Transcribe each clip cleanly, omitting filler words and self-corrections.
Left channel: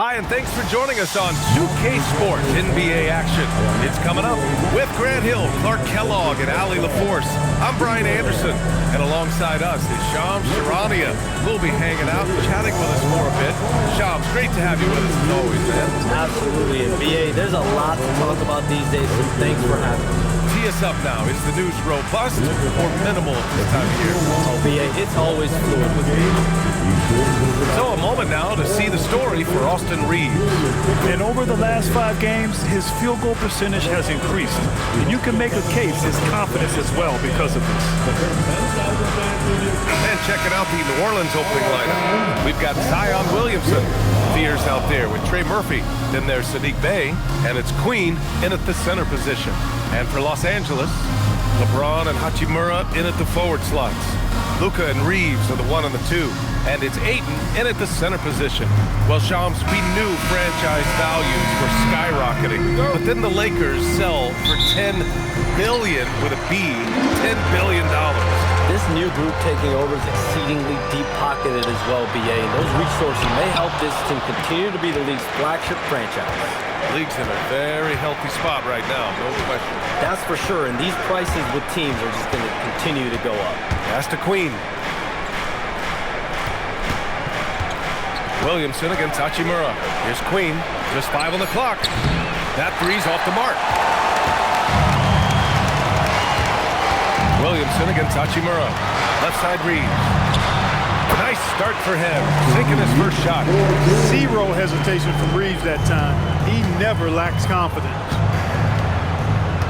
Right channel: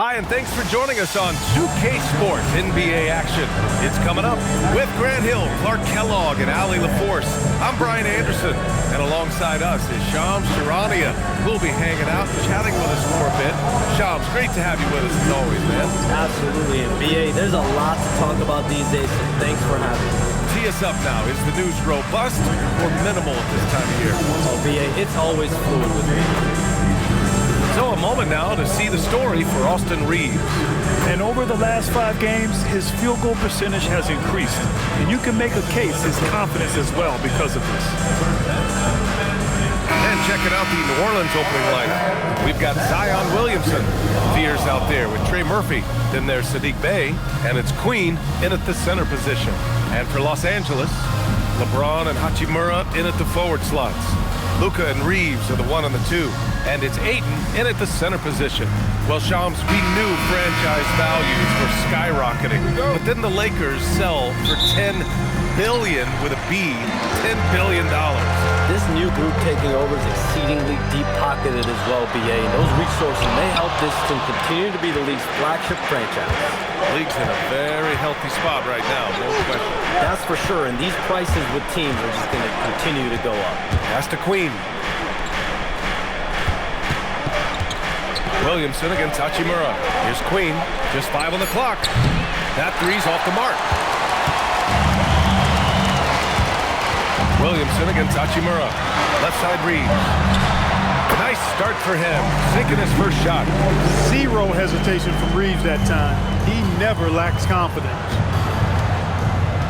Hi, and thanks for joining us on 2K Sports NBA action. It's coming up with Grant Hill, Clark Kellogg, and Allie LaForce. I'm Brian Anderson, and alongside us is Shams Charania. We'll be hanging out and chatting with us for a bit. Shams, great to have you with us as always, man. Absolutely, and BA, there's a lot to talk about these days, so thanks for having me. Tee us up now. Is the news robust or minimal at this time of year? Oh, BA, it's always fluid with me. So a moment now to see the story for Austin Reaves. And over the last 5 games, his field goal percentage has increased. And you can make a case his confidence as well because of this. And checking out the New Orleans opening lineup. We've got Zion Williamson, Fears out there with Trey Murphy. Then there's Sadiq Bey, and it's Queen in at the center position. And for Los Angeles, LeBron and Hachimura in at the forward slots. Luka and Reaves are the 1 and the 2. And it's Ayton in at the center position. Well, Shams, we knew franchise values were skyrocketing. But then the Lakers sell for $10 billion with a B, $10 billion. This new group taking over is exceedingly deep-pocketed as well, BA. And those resources may help this team continue to be the league's flagship franchise. League's in a very healthy spot right now, no question. That's for sure, and these prices with teams are just going to continue to go up. Pass to Queen. Williamson against Hachimura. Here's Queen, just 5 on the clock. That three's off the mark. Williamson against Hachimura. Left side Reaves. Nice start for him, sinking his first shot. Zero hesitation from Reaves that time. He never lacks confidence.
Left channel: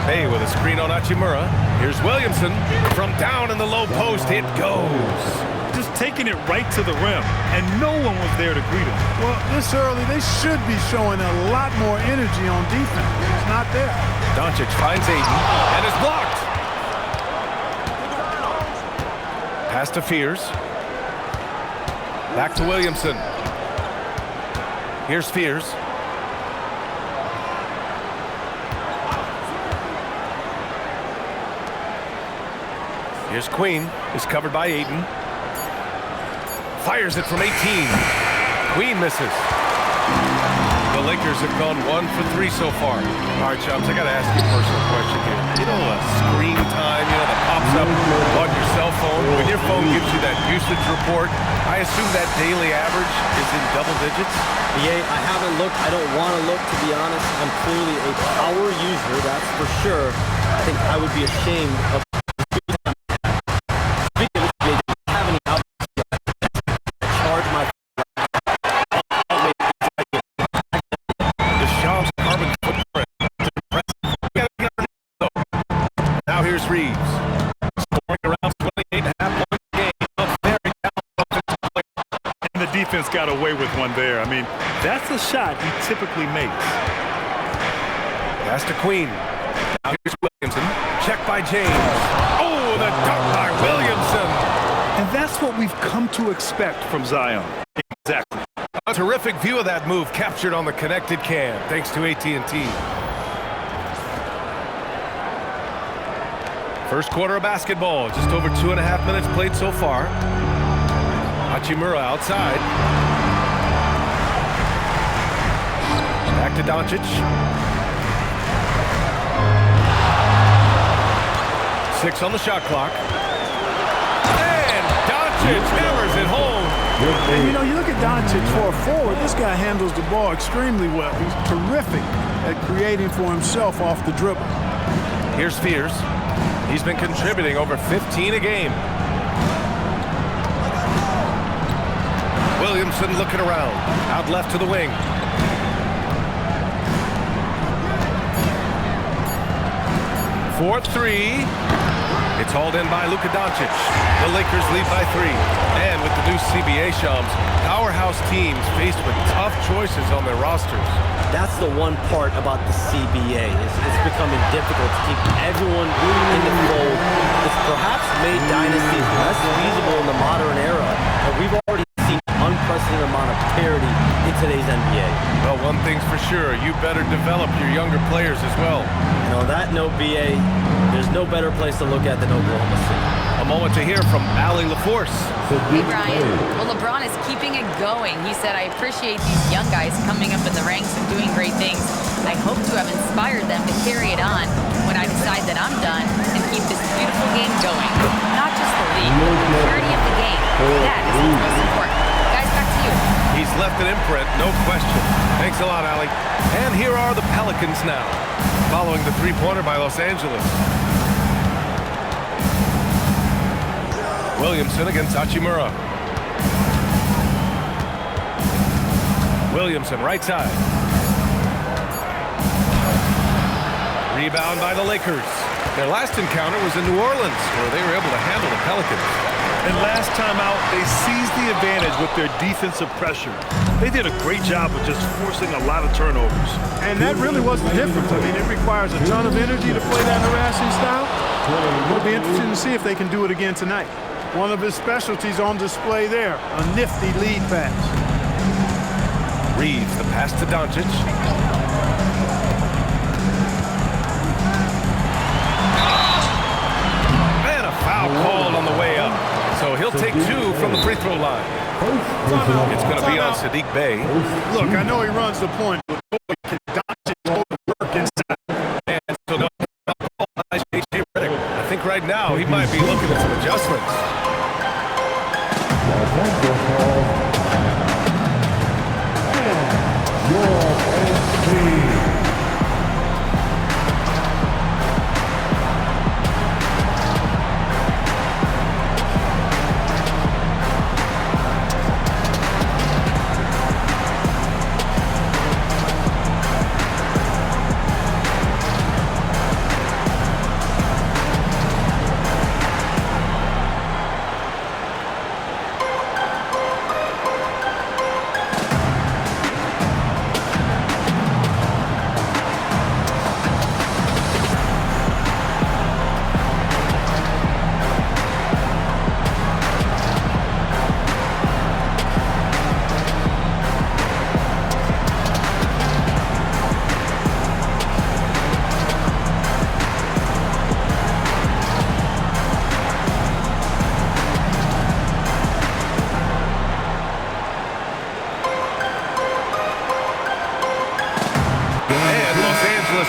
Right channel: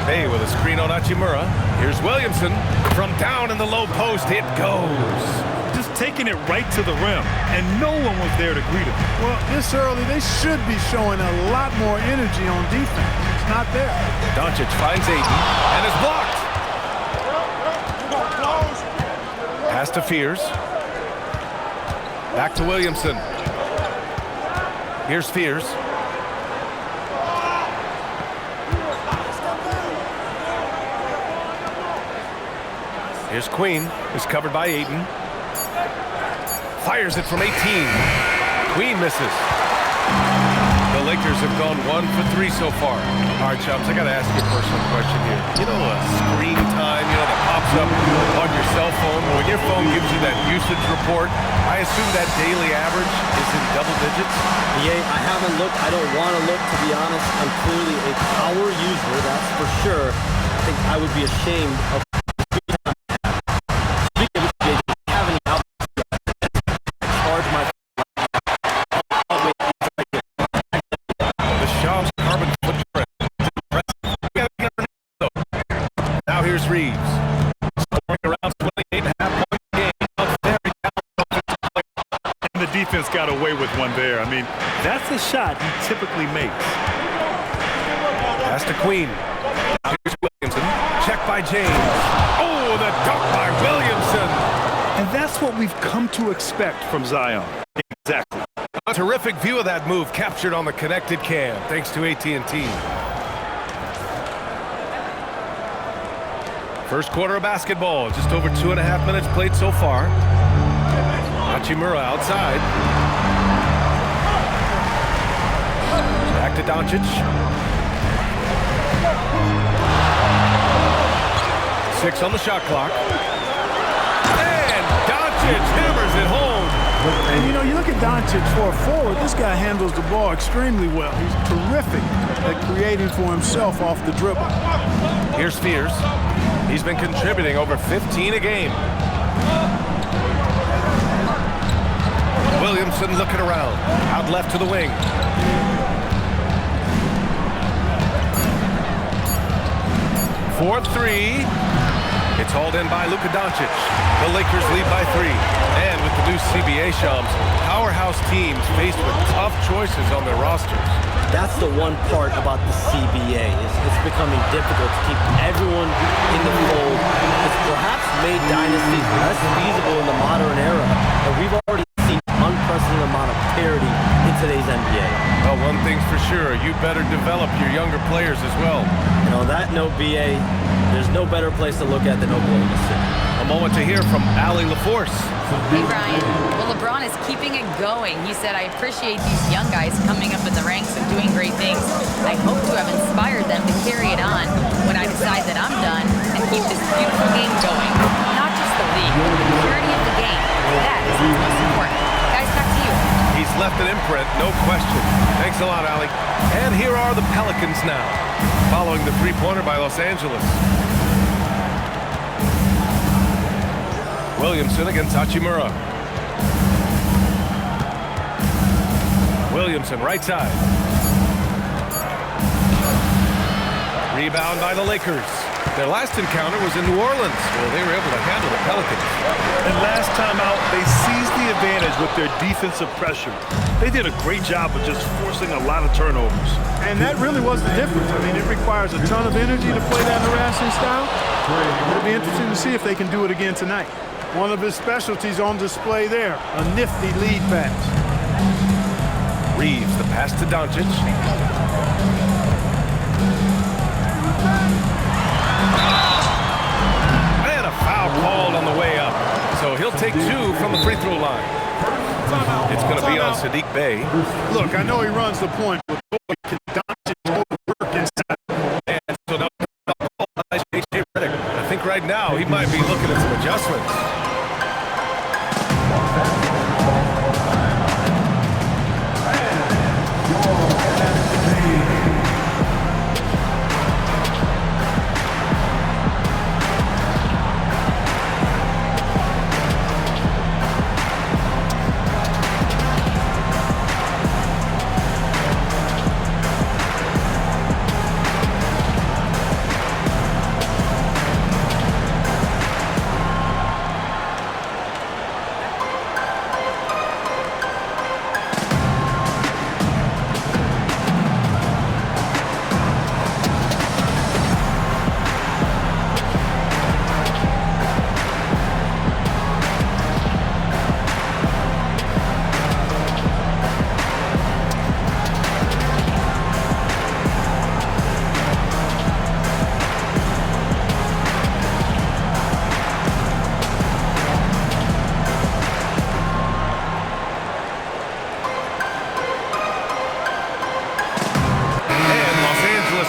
Bey with a screen on Hachimura. Here's Williamson. From down in the low post, it goes. Just taking it right to the rim, and no one was there to greet him. Well, this early, they should be showing a lot more energy on defense. It's not there. Doncic finds Ayton and is blocked. Pass to Fears. Back to Williamson. Here's Fears. Here's Queen. Is covered by Ayton. Fires it from 18. Queen misses. The Lakers have gone 1 for 3 so far. All right, Shams, I got to ask you a personal question here. You know, screen time, that pops up on your cell phone. When your phone gives you that usage report, I assume that daily average is in double digits? BA, I haven't looked. I don't want to look, to be honest. I'm clearly a power user, that's for sure. I think I would be ashamed of the screen time I have. Speaking of which, BA, do you have any outlets? The Shams carbon footprint is impressive. We gotta get our news, though. Now here's Reaves. Scoring around 28.5 points a game. A very talented player. And the defense got away with one there. I mean, that's a shot he typically makes. Pass to Queen. Now here's Williamson. Check by James. Oh, the dunk by Williamson. And that's what we've come to expect from Zion. Exactly. A terrific view of that move captured on the connected cam, thanks to AT&T. First quarter of basketball, just over 2.5 minutes played so far. Hachimura outside. Back to Doncic. 6 on the shot clock. And Doncic hammers it home. And you look at Doncic for a forward, this guy handles the ball extremely well. He's terrific at creating for himself off the dribble. Here's Fears. He's been contributing over 15 a game. Williamson looking around. Out left to the wing. For 3. It's hauled in by Luka Doncic. The Lakers lead by 3. And with the new CBA, Shams, powerhouse teams faced with tough choices on their rosters. That's the one part about the CBA. It's becoming difficult to keep everyone in the fold. It's perhaps made dynasties less feasible in the modern era, and we've already seen an unprecedented amount of parity in today's NBA. Well, one thing's for sure, you better develop your younger players as well. And on that note, BA, there's no better place to look at than Oklahoma City. A moment to hear from Allie LaForce. Hey, Brian. Well, LeBron is keeping it going. He said, I appreciate these young guys coming up in the ranks and doing great things. I hope to have inspired them to carry it on when I decide that I'm done and keep this beautiful game going. Not just the league, but the purity of the game. That is what's most important. Guys, back to you. He's left an imprint, no question. Thanks a lot, Allie. And here are the Pelicans now, following the three-pointer by Los Angeles. Williamson against Hachimura. Williamson, right side. Rebound by the Lakers. Their last encounter was in New Orleans, where they were able to handle the Pelicans. And last time out, they seized the advantage with their defensive pressure. They did a great job of just forcing a lot of turnovers. And that really was the difference. I mean, it requires a ton of energy to play that harassing style. It'll be interesting to see if they can do it again tonight. One of his specialties on display there, a nifty lead pass. Reeves, the pass to Doncic. And a foul called on the way up. So he'll take two from the free throw line. It's going to be on Saddiq Bey. Look, I know he runs the point, but boy, can Doncic work inside. And so now J.J. Redick. I think right now he might be looking at some adjustments.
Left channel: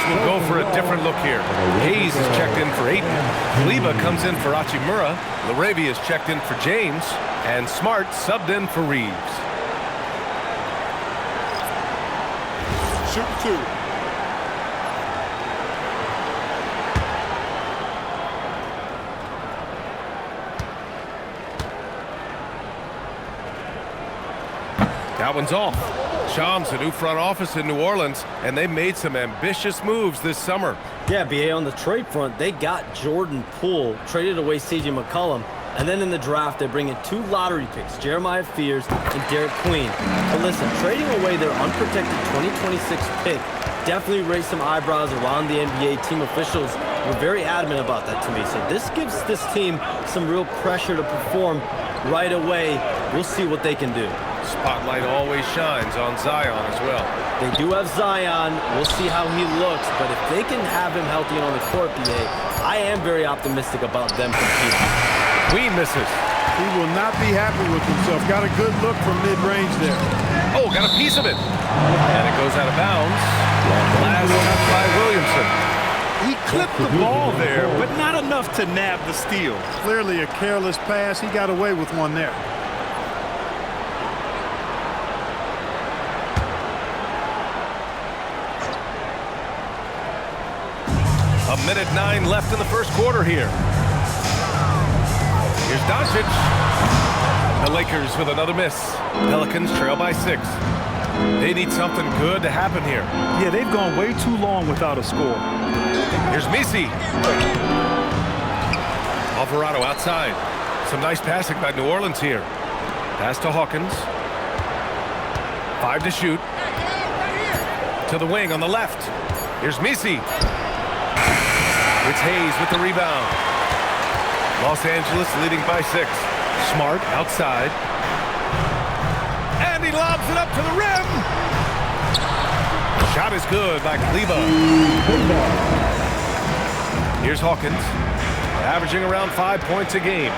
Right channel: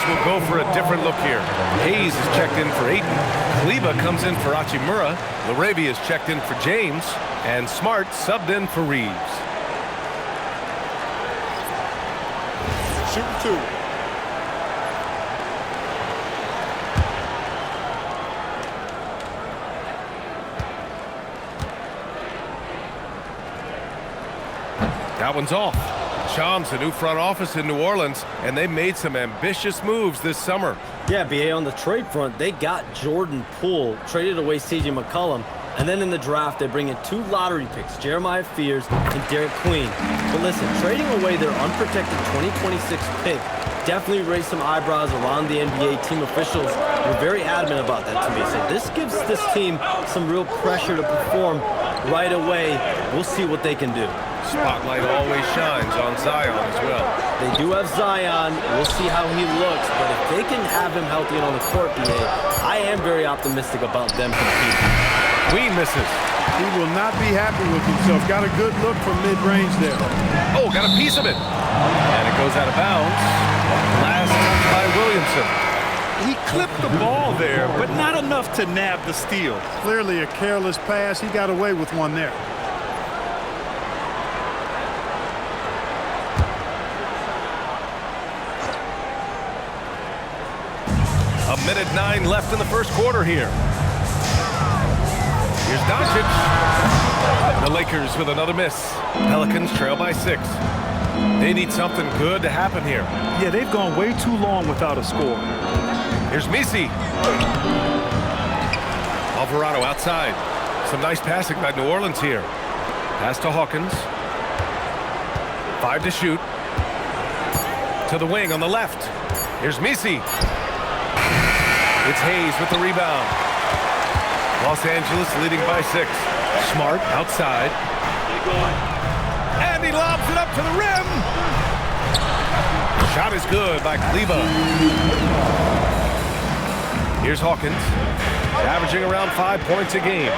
Will go for a different look here. Hayes is checked in for Ayton. Kaliba comes in for Hachimura. Laravia is checked in for James. And Smart subbed in for Reeves. Shooting two. That one's off. Shams, the new front office in New Orleans, and they made some ambitious moves this summer. Yeah, BA, on the trade front, they got Jordan Poole, traded away C.J. McCollum, and then in the draft, they bring in 2 lottery picks, Jeremiah Fears and Derek Queen. But listen, trading away their unprotected 2026 pick definitely raised some eyebrows around the NBA. Team officials were very adamant about that to me. So this gives this team some real pressure to perform right away. We'll see what they can do. Spotlight always shines on Zion as well. They do have Zion. We'll see how he looks. But if they can have him healthy and on the court, BA, I am very optimistic about them competing. Queen misses. He will not be happy with himself. Got a good look from mid-range there. Oh, got a piece of it. And it goes out of bounds. Last touch by Williamson. He clipped the ball there, but not enough to nab the steal. Clearly a careless pass. He got away with one there. A minute 9 left in the first quarter here. Here's Doncic. The Lakers with another miss. Pelicans trail by 6. They need something good to happen here. Yeah, they've gone way too long without a score. Here's Misi. Alvarado outside. Some nice passing by New Orleans here. Pass to Hawkins. 5 to shoot. To the wing on the left. Here's Misi. It's Hayes with the rebound. Los Angeles leading by 6. Smart outside. And he lobs it up to the rim. Shot is good by Kaliba. Here's Hawkins, averaging around 5 points a game.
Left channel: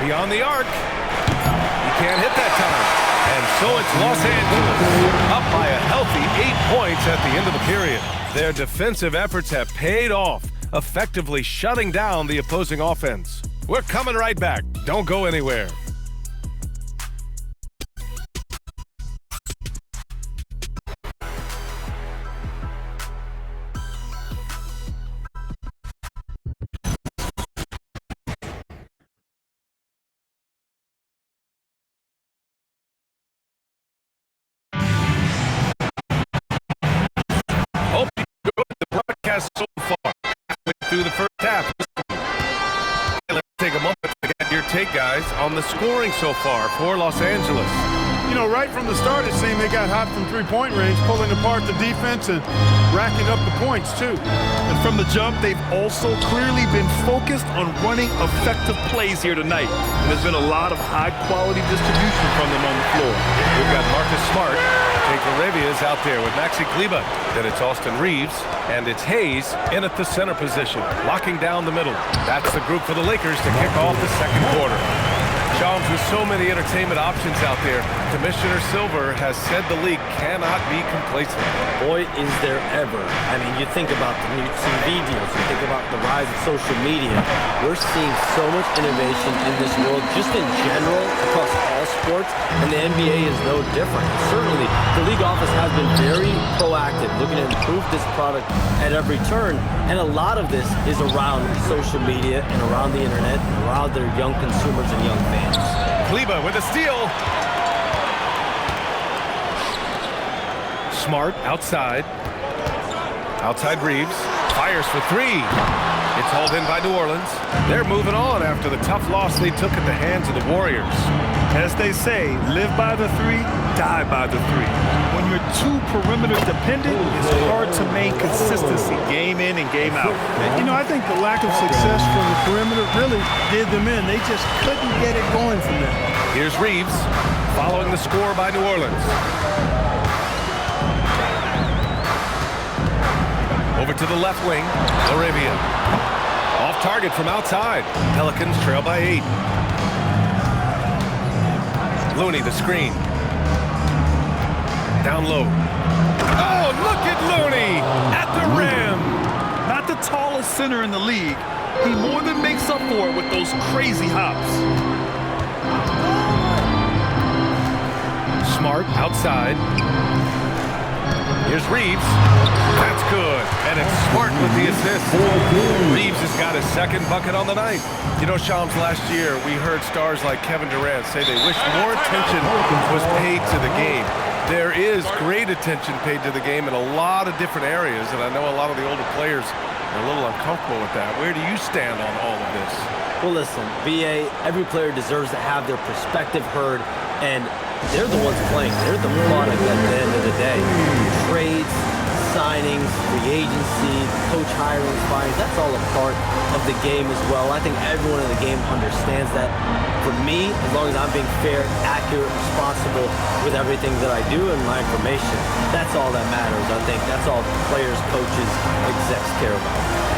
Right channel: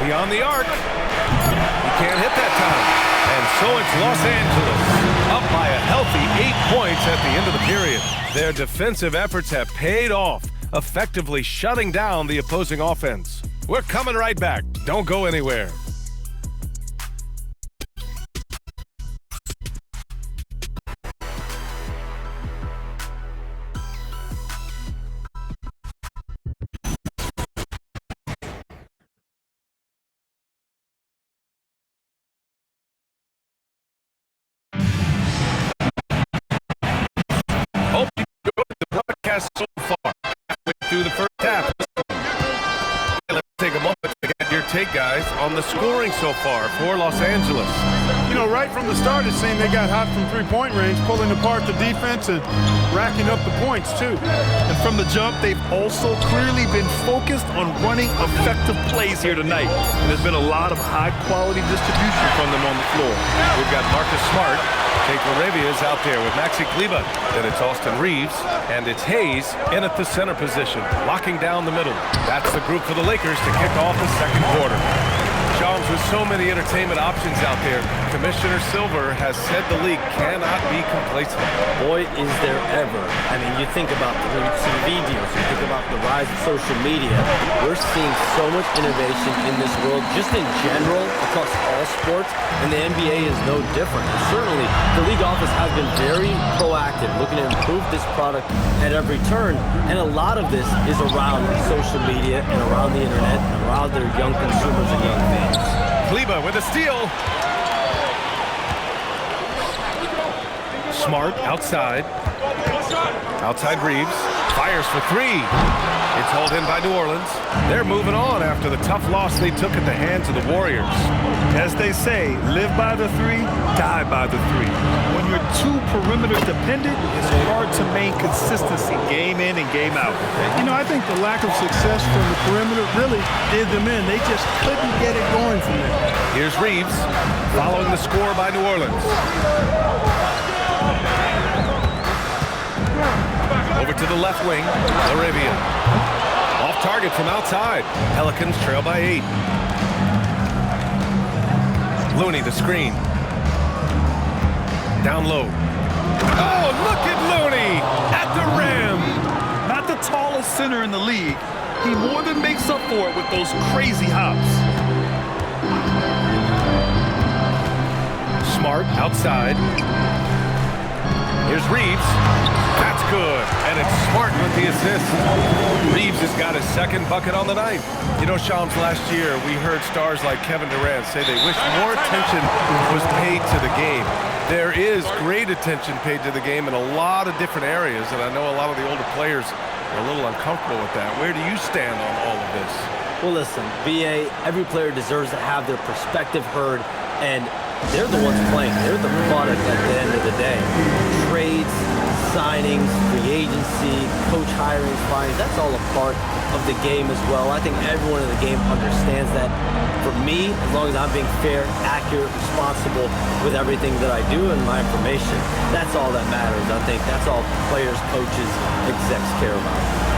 Beyond the arc. He can't hit that time. And so it's Los Angeles, up by a healthy 8 points at the end of the period. Their defensive efforts have paid off, effectively shutting down the opposing offense. We're coming right back. Don't go anywhere. Hope you enjoyed the broadcast so far. Halfway through the first half. Let's take a moment to get your take, guys, on the scoring so far for Los Angeles. You know, right from the start, it seemed they got hot from three-point range, pulling apart the defense and racking up the points, too. And from the jump, they've also clearly been focused on running effective plays here tonight. And there's been a lot of high-quality distribution from them on the floor. We've got Marcus Smart. Jake LaRavia is out there with Maxi Kleber. Then it's Austin Reeves, and it's Hayes in at the center position, locking down the middle. That's the group for the Lakers to kick off the second quarter. Shams, with so many entertainment options out there, Commissioner Silver has said the league cannot be complacent. Boy, is there ever. I mean, you think about the new TV deals, you think about the rise of social media. We're seeing so much innovation in this world, just in general, across all sports, and the NBA is no different. And certainly, the league office has been very proactive, looking to improve this product at every turn, and a lot of this is around social media and around the internet and around their young consumers and young fans. Kleber with a steal. Smart outside. Outside Reeves. Fires for three. It's hauled in by New Orleans. They're moving on after the tough loss they took at the hands of the Warriors. As they say, live by the three, die by the three. When you're too perimeter dependent, it's hard to maintain consistency game in and game out. You know, I think the lack of success from the perimeter really did them in. They just couldn't get it going from there. Here's Reeves, following the score by New Orleans. Over to the left wing, LaRavia. Off target from outside. Pelicans trail by 8. Looney, the screen. Down low. Oh, look at Looney at the rim. Not the tallest center in the league. He more than makes up for it with those crazy hops. Smart outside. Here's Reeves. That's good. And it's Smart with the assist. Reeves has got his second bucket on the night. You know, Shams, last year we heard stars like Kevin Durant say they wish more attention was paid to the game. There is great attention paid to the game in a lot of different areas, and I know a lot of the older players are a little uncomfortable with that. Where do you stand on all of this? Well, listen, BA, every player deserves to have their perspective heard, and they're the ones playing. They're the product at the end of the day. Trades, signings, free agency, coach hirings, firings, that's all a part of the game as well. I think everyone in the game understands that. For me, as long as I'm being fair, accurate, responsible with everything that I do and my information, that's all that matters. I think that's all players, coaches, execs care about.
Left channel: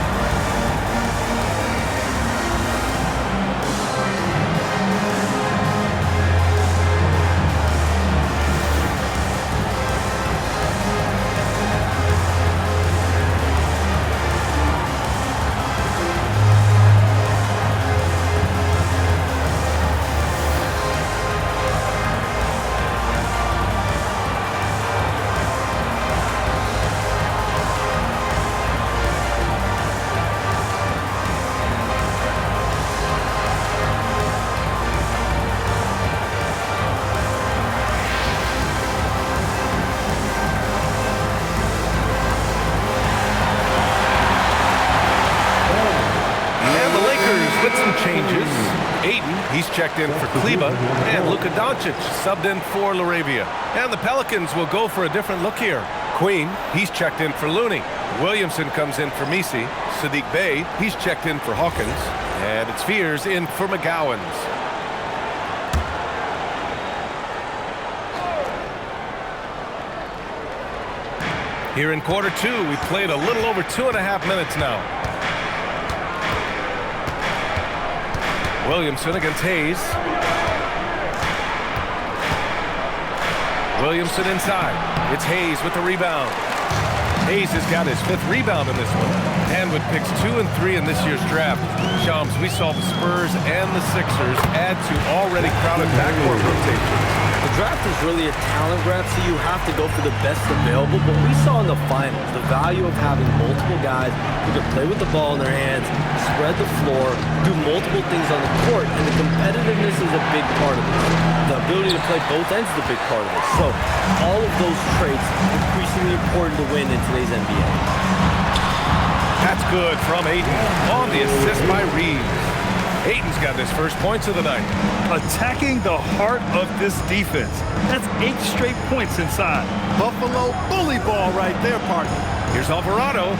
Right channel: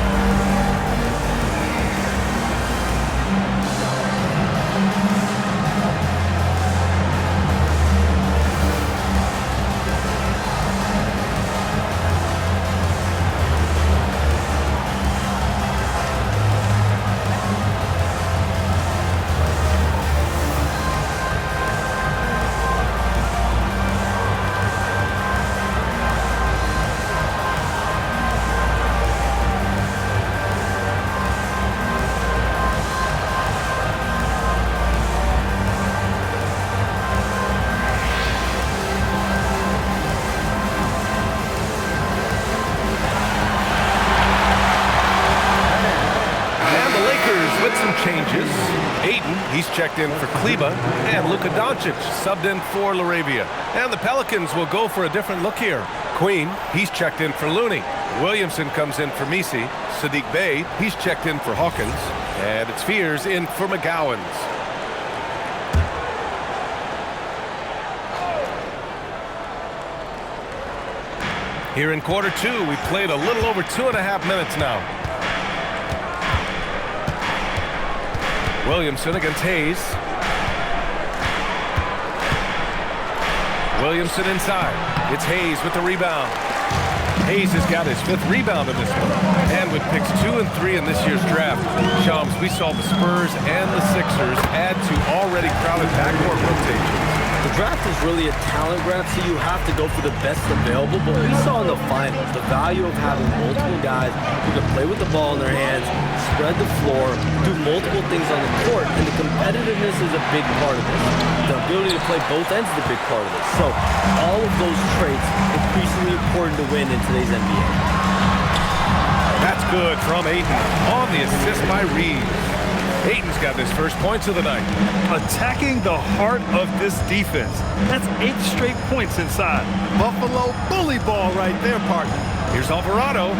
With some changes. Ayton, he's checked in for Kleber, and Luka Doncic subbed in for LaRavia. And the Pelicans will go for a different look here. Queen, he's checked in for Looney. Williamson comes in for Misi. Sadiq Bey, he's checked in for Hawkins. And it's Fears in for McGowan's. Here in quarter two, we played a little over 2.5 minutes now. Williamson against Hayes. Williamson inside. It's Hayes with the rebound. Hayes has got his 5th rebound in this one. And with picks 2 and 3 in this year's draft, Shams, we saw the Spurs and the Sixers add to already crowded backcourt rotations. The draft is really a talent grab, so you have to go for the best available. But we saw in the finals the value of having multiple guys who can play with the ball in their hands, spread the floor, do multiple things on the court, and the competitiveness is a big part of this. The ability to play both ends is a big part of this. So all of those traits increasingly important to win in today's NBA. That's good from Ayton on the assist by Reeves. Ayton's got his first points of the night. Attacking the heart of this defense. That's 8 straight points inside. Buffalo bully ball right there, partner. Here's Alvarado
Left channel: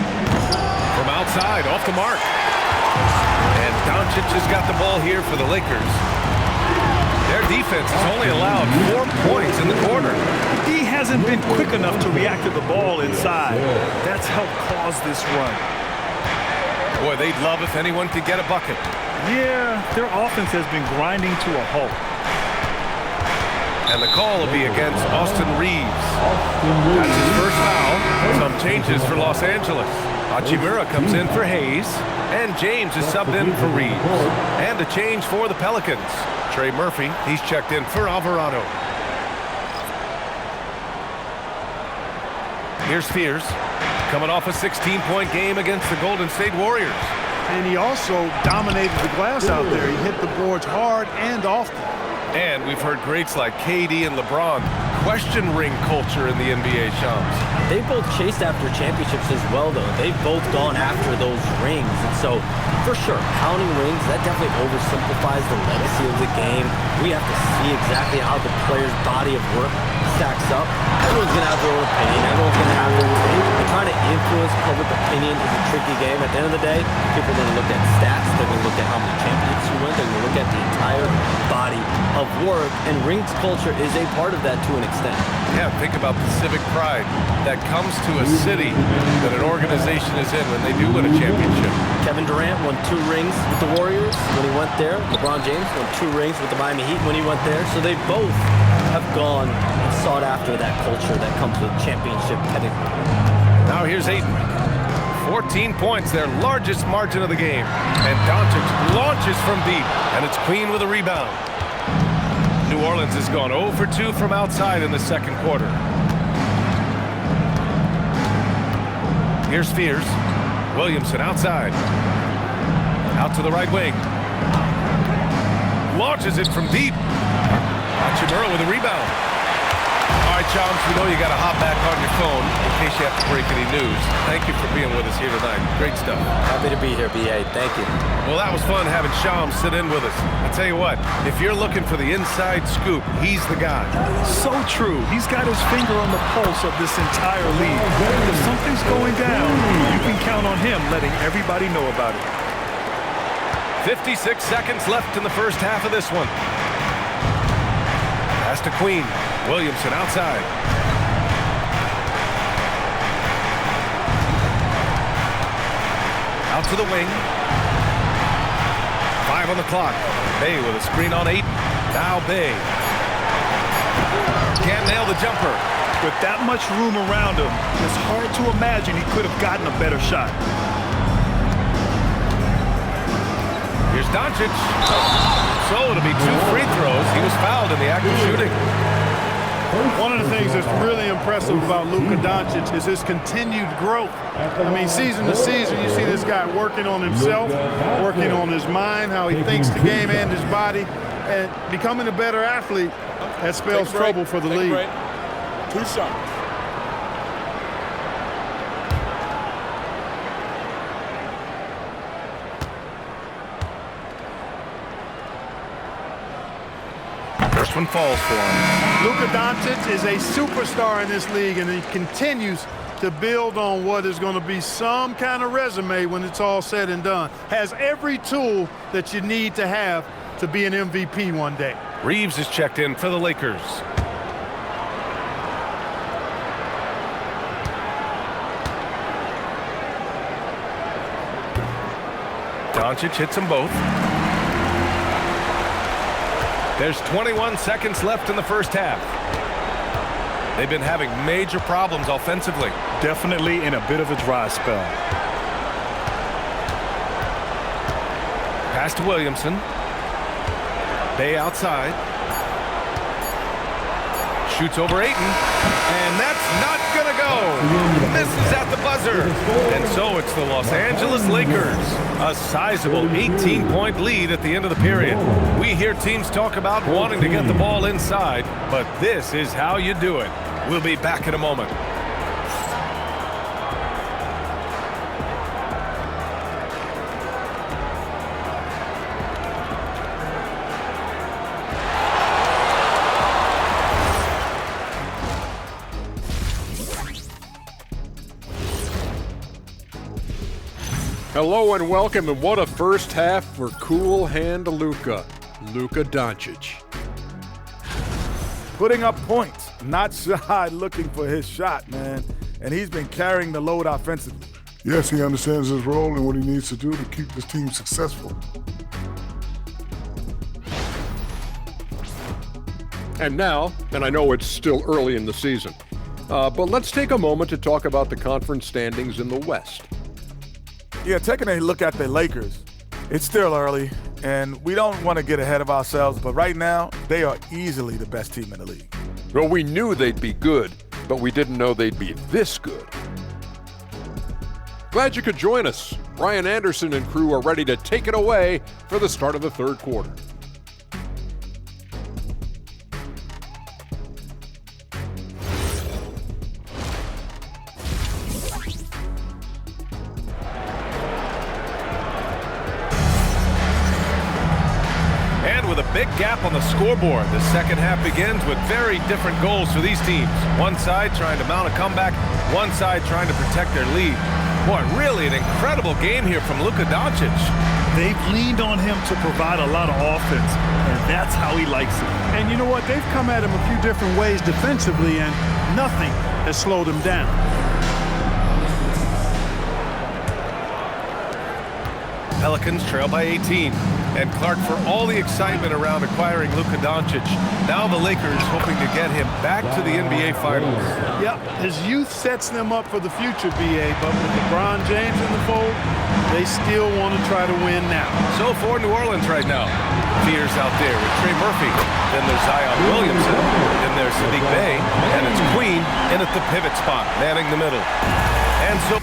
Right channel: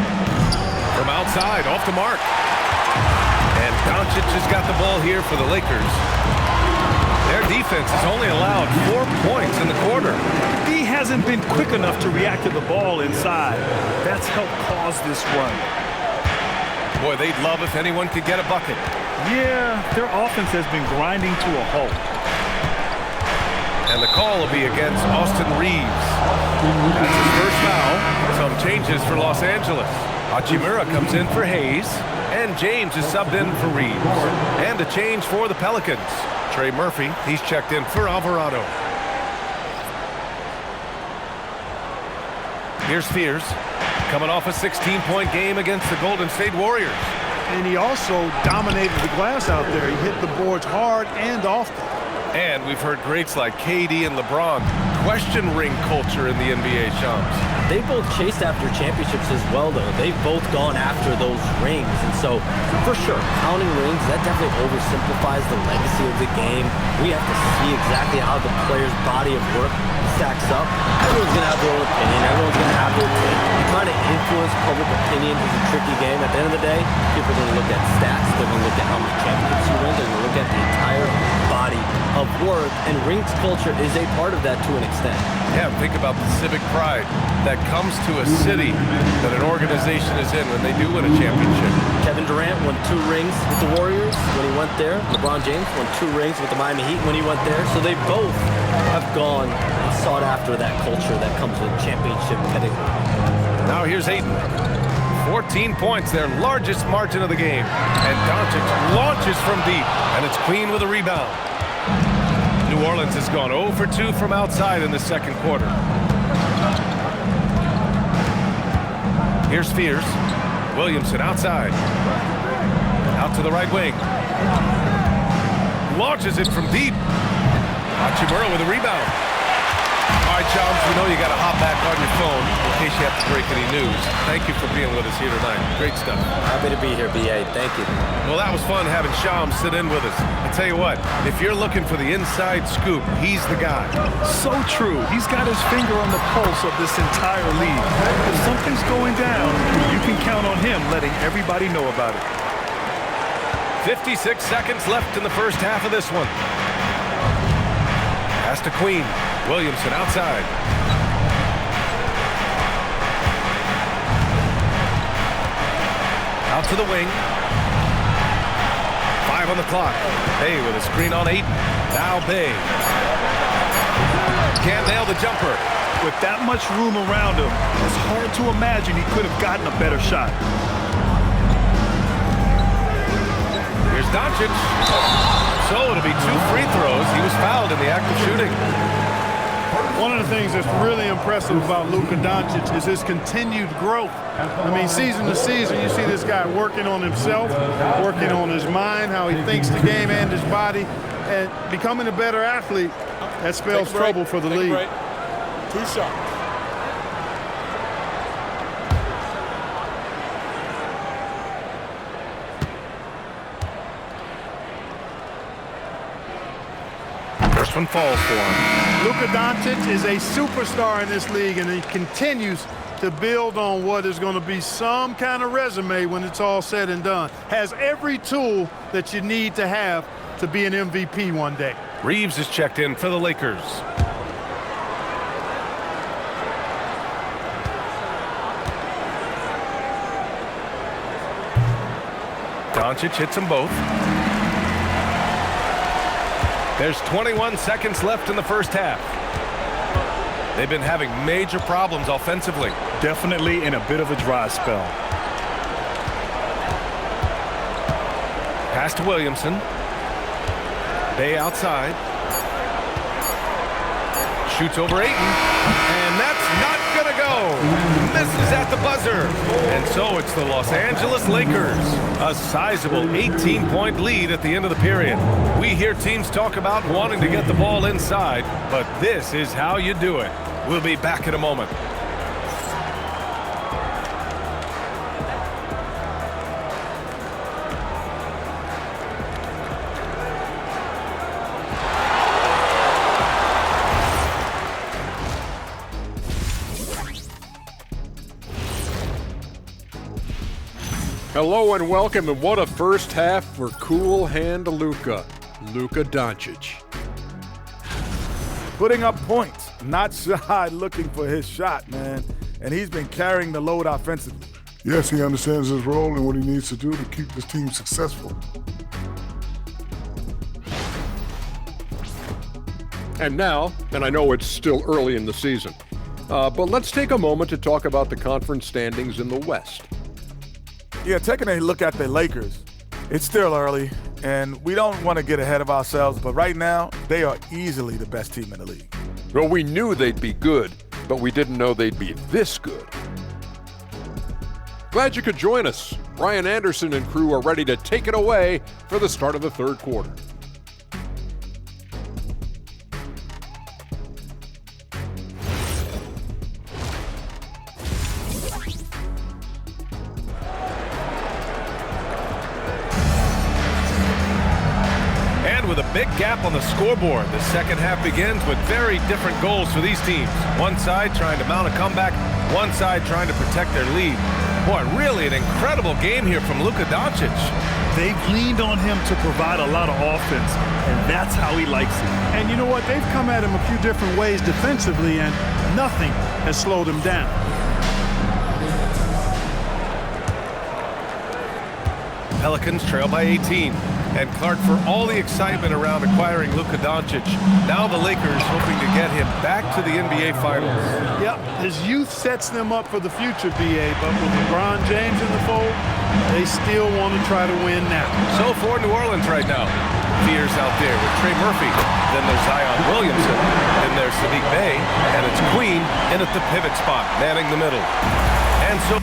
from outside, off the mark. And Doncic has got the ball here for the Lakers. Their defense has only allowed 4 points in the quarter. The D hasn't been quick enough to react to the ball inside. That's helped cause this run. Boy, they'd love if anyone could get a bucket. Yeah, their offense has been grinding to a halt. And the call will be against Austin Reeves. That's his first foul. Some changes for Los Angeles. Hachimura comes in for Hayes. And James is subbed in for Reeves. And a change for the Pelicans. Trey Murphy, he's checked in for Alvarado. Here's Fears, coming off a 16-point game against the Golden State Warriors. And he also dominated the glass out there. He hit the boards hard and often. And we've heard greats like KD and LeBron question ring culture in the NBA, Shams. They both chased after championships as well, though. They've both gone after those rings. And so, for sure, counting rings, that definitely oversimplifies the legacy of the game. We have to see exactly how the player's body of work stacks up. Everyone's going to have their own opinion. Everyone's going to have their take. And trying to influence public opinion is a tricky game. At the end of the day, people are going to look at stats. They're going to look at how many championships you win. They're going to look at the entire body of work. And rings culture is a part of that to an extent. Yeah, think about the civic pride that comes to a city that an organization is in when they do win a championship. Kevin Durant won 2 rings with the Warriors when he went there. LeBron James won 2 rings with the Miami Heat when he went there. So they both have gone and sought after that culture that comes with championship pedigree. Now here's Ayton. 14 points, their largest margin of the game. And Doncic launches from deep, and it's Queen with a rebound. New Orleans has gone 0 for 2 from outside in the second quarter. Here's Fears. Williamson outside. Out to the right wing. Launches it from deep. Hachimura with a rebound. All right, Shams, we know you got to hop back on your phone in case you have to break any news. Thank you for being with us here tonight. Great stuff. Happy to be here, BA. Thank you. Well, that was fun having Shams sit in with us. I tell you what, if you're looking for the inside scoop, he's the guy. So true. He's got his finger on the pulse of this entire league. If something's going down, you can count on him letting everybody know about it. 56 seconds left in the first half of this one. Pass to Queen. Williamson outside. Out to the wing. 5 on the clock. Bey with a screen on Ayton. Now Bey. Can't nail the jumper. With that much room around him, it's hard to imagine he could have gotten a better shot. Here's Doncic. So it'll be 2 free throws. He was fouled in the act of shooting. One of the things that's really impressive about Luka Doncic is his continued growth. I mean, season to season, you see this guy working on himself, working on his mind, how he thinks the game and his body, and becoming a better athlete. That spells trouble for the league. 2 shots. First one falls for him. Luka Doncic is a superstar in this league, and he continues to build on what is going to be some kind of resume when it's all said and done. Has every tool that you need to have to be an MVP one day. Reeves is checked in for the Lakers. Doncic hits them both. There's 21 seconds left in the first half. They've been having major problems offensively. Definitely in a bit of a dry spell. Pass to Williamson. Bay outside. Shoots over Ayton. And that's not going to go. Misses at the buzzer. And so it's the Los Angeles Lakers. A sizable 18-point lead at the end of the period. We hear teams talk about wanting to get the ball inside, but this is how you do it. We'll be back in a moment. Hello and welcome, and what a first half for cool hand Luka Doncic. Putting up points, not shy looking for his shot, man. And he's been carrying the load offensively. Yes, he understands his role and what he needs to do to keep his team successful. And now, and I know it's still early in the season, but let's take a moment to talk about the conference standings in the West. Yeah, taking a look at the Lakers, it's still early, and we don't want to get ahead of ourselves, but right now, they are easily the best team in the league. Well, we knew they'd be good, but we didn't know they'd be this good. Glad you could join us. Ryan Anderson and crew are ready to take it away for the start of the third quarter. And with a big gap on the scoreboard, the second half begins with very different goals for these teams. One side trying to mount a comeback, one side trying to protect their lead. Boy, really an incredible game here from Luka Doncic. They've leaned on him to provide a lot of offense, and that's how he likes it. And you know what? They've come at him a few different ways defensively, and nothing has slowed him down. Pelicans trail by 18. And Clark, for all the excitement around acquiring Luka Doncic, now the Lakers hoping to get him back to the NBA Finals. Yep, his youth sets them up for the future, BA, but with LeBron James in the fold, they still want to try to win now. So for New Orleans right now, Fears out there with Trey Murphy. Then there's Zion Williamson. Then there's Saddiq Bey. And it's Queen in at the pivot spot, manning the middle. And so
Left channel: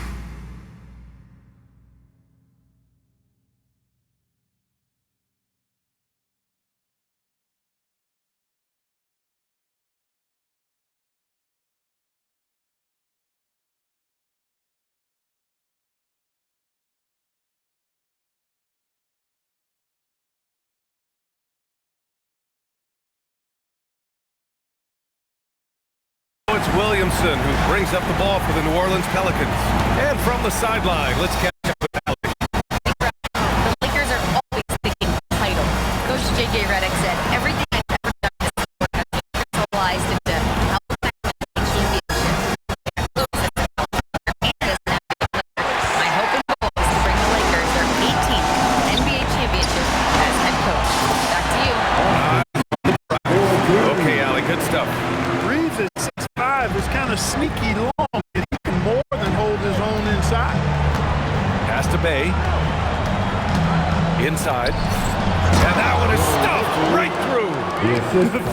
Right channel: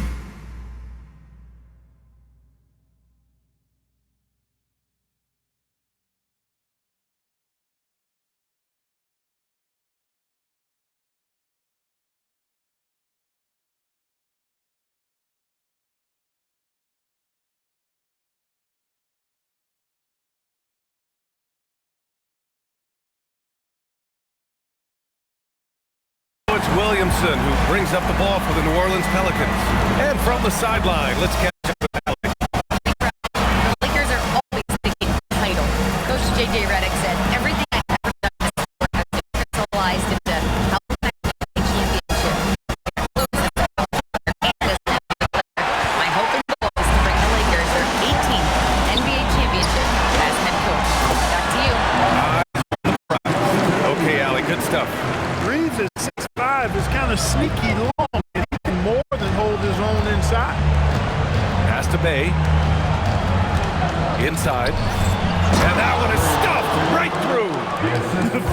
it's Williamson who brings up the ball for the New Orleans Pelicans. And from the sideline, let's catch up with Alex. The Lakers are always thinking title. Coach J.J. Redick said, everything I've ever done in this sport has been crystallized into how can I win a championship. And as an NBA player, my hope and goal is to bring the Lakers their 18th NBA championship as head coach. Back to you. Okay, Allie, good stuff. Reeves at 6'5" is kind of sneaky long, and he can more than hold his own inside. Pass to Bey. Inside. And that one is stuffed right through.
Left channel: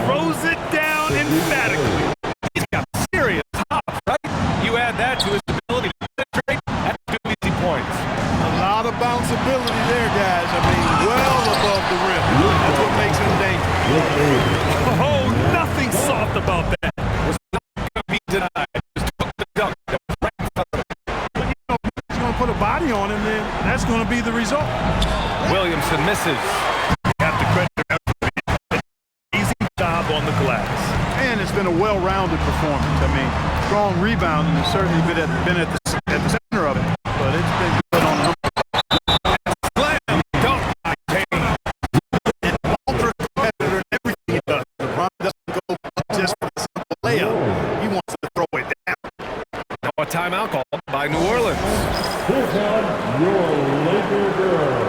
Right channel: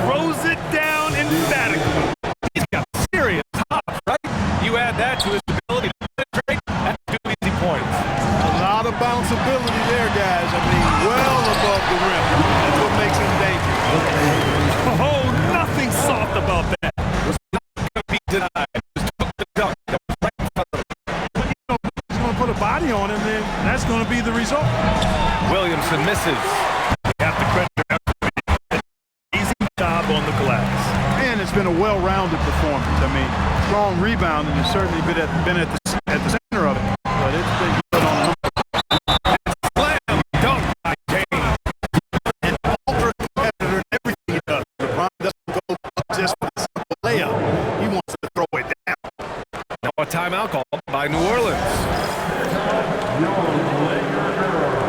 Throws it down emphatically. He's got serious hops, right? You add that to his ability to penetrate, that's 2 easy points. A lot of bounceability there, guys. I mean, well above the rim. That's what makes him dangerous. Oh, nothing soft about that. Was not going to be denied. Just took the dunk that was right in front of him. When you know he's going to put a body on him, then that's going to be the result. Williamson misses. You have to credit him. Easy job on the glass. And it's been a well-rounded performance. I mean, strong rebound and has certainly been at the center of it. But it's been good on a number. Slam dunk by James. An ultra competitor in everything he does. LeBron doesn't go just for the simple layup. He wants to throw it down. Now a timeout called by New Orleans. Here comes your Laker girl.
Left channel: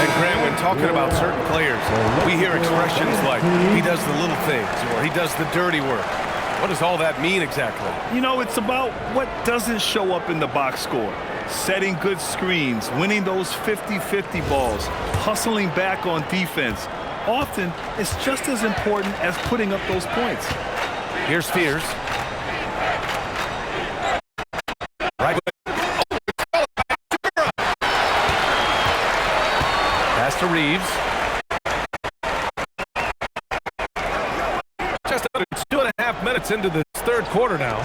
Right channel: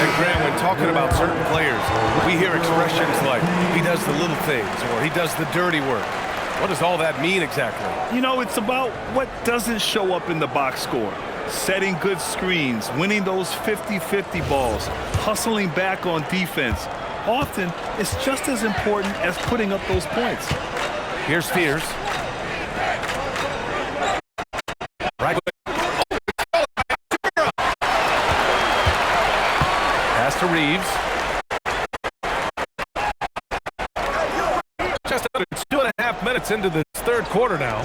And Grant, when talking about certain players, we hear expressions like, he does the little things, or he does the dirty work. What does all that mean exactly? You know, it's about what doesn't show up in the box score. Setting good screens, winning those 50-50 balls, hustling back on defense. Often, it's just as important as putting up those points. Here's Fears. Right. Pass to Reeves. Just under 2.5 minutes into the third quarter now.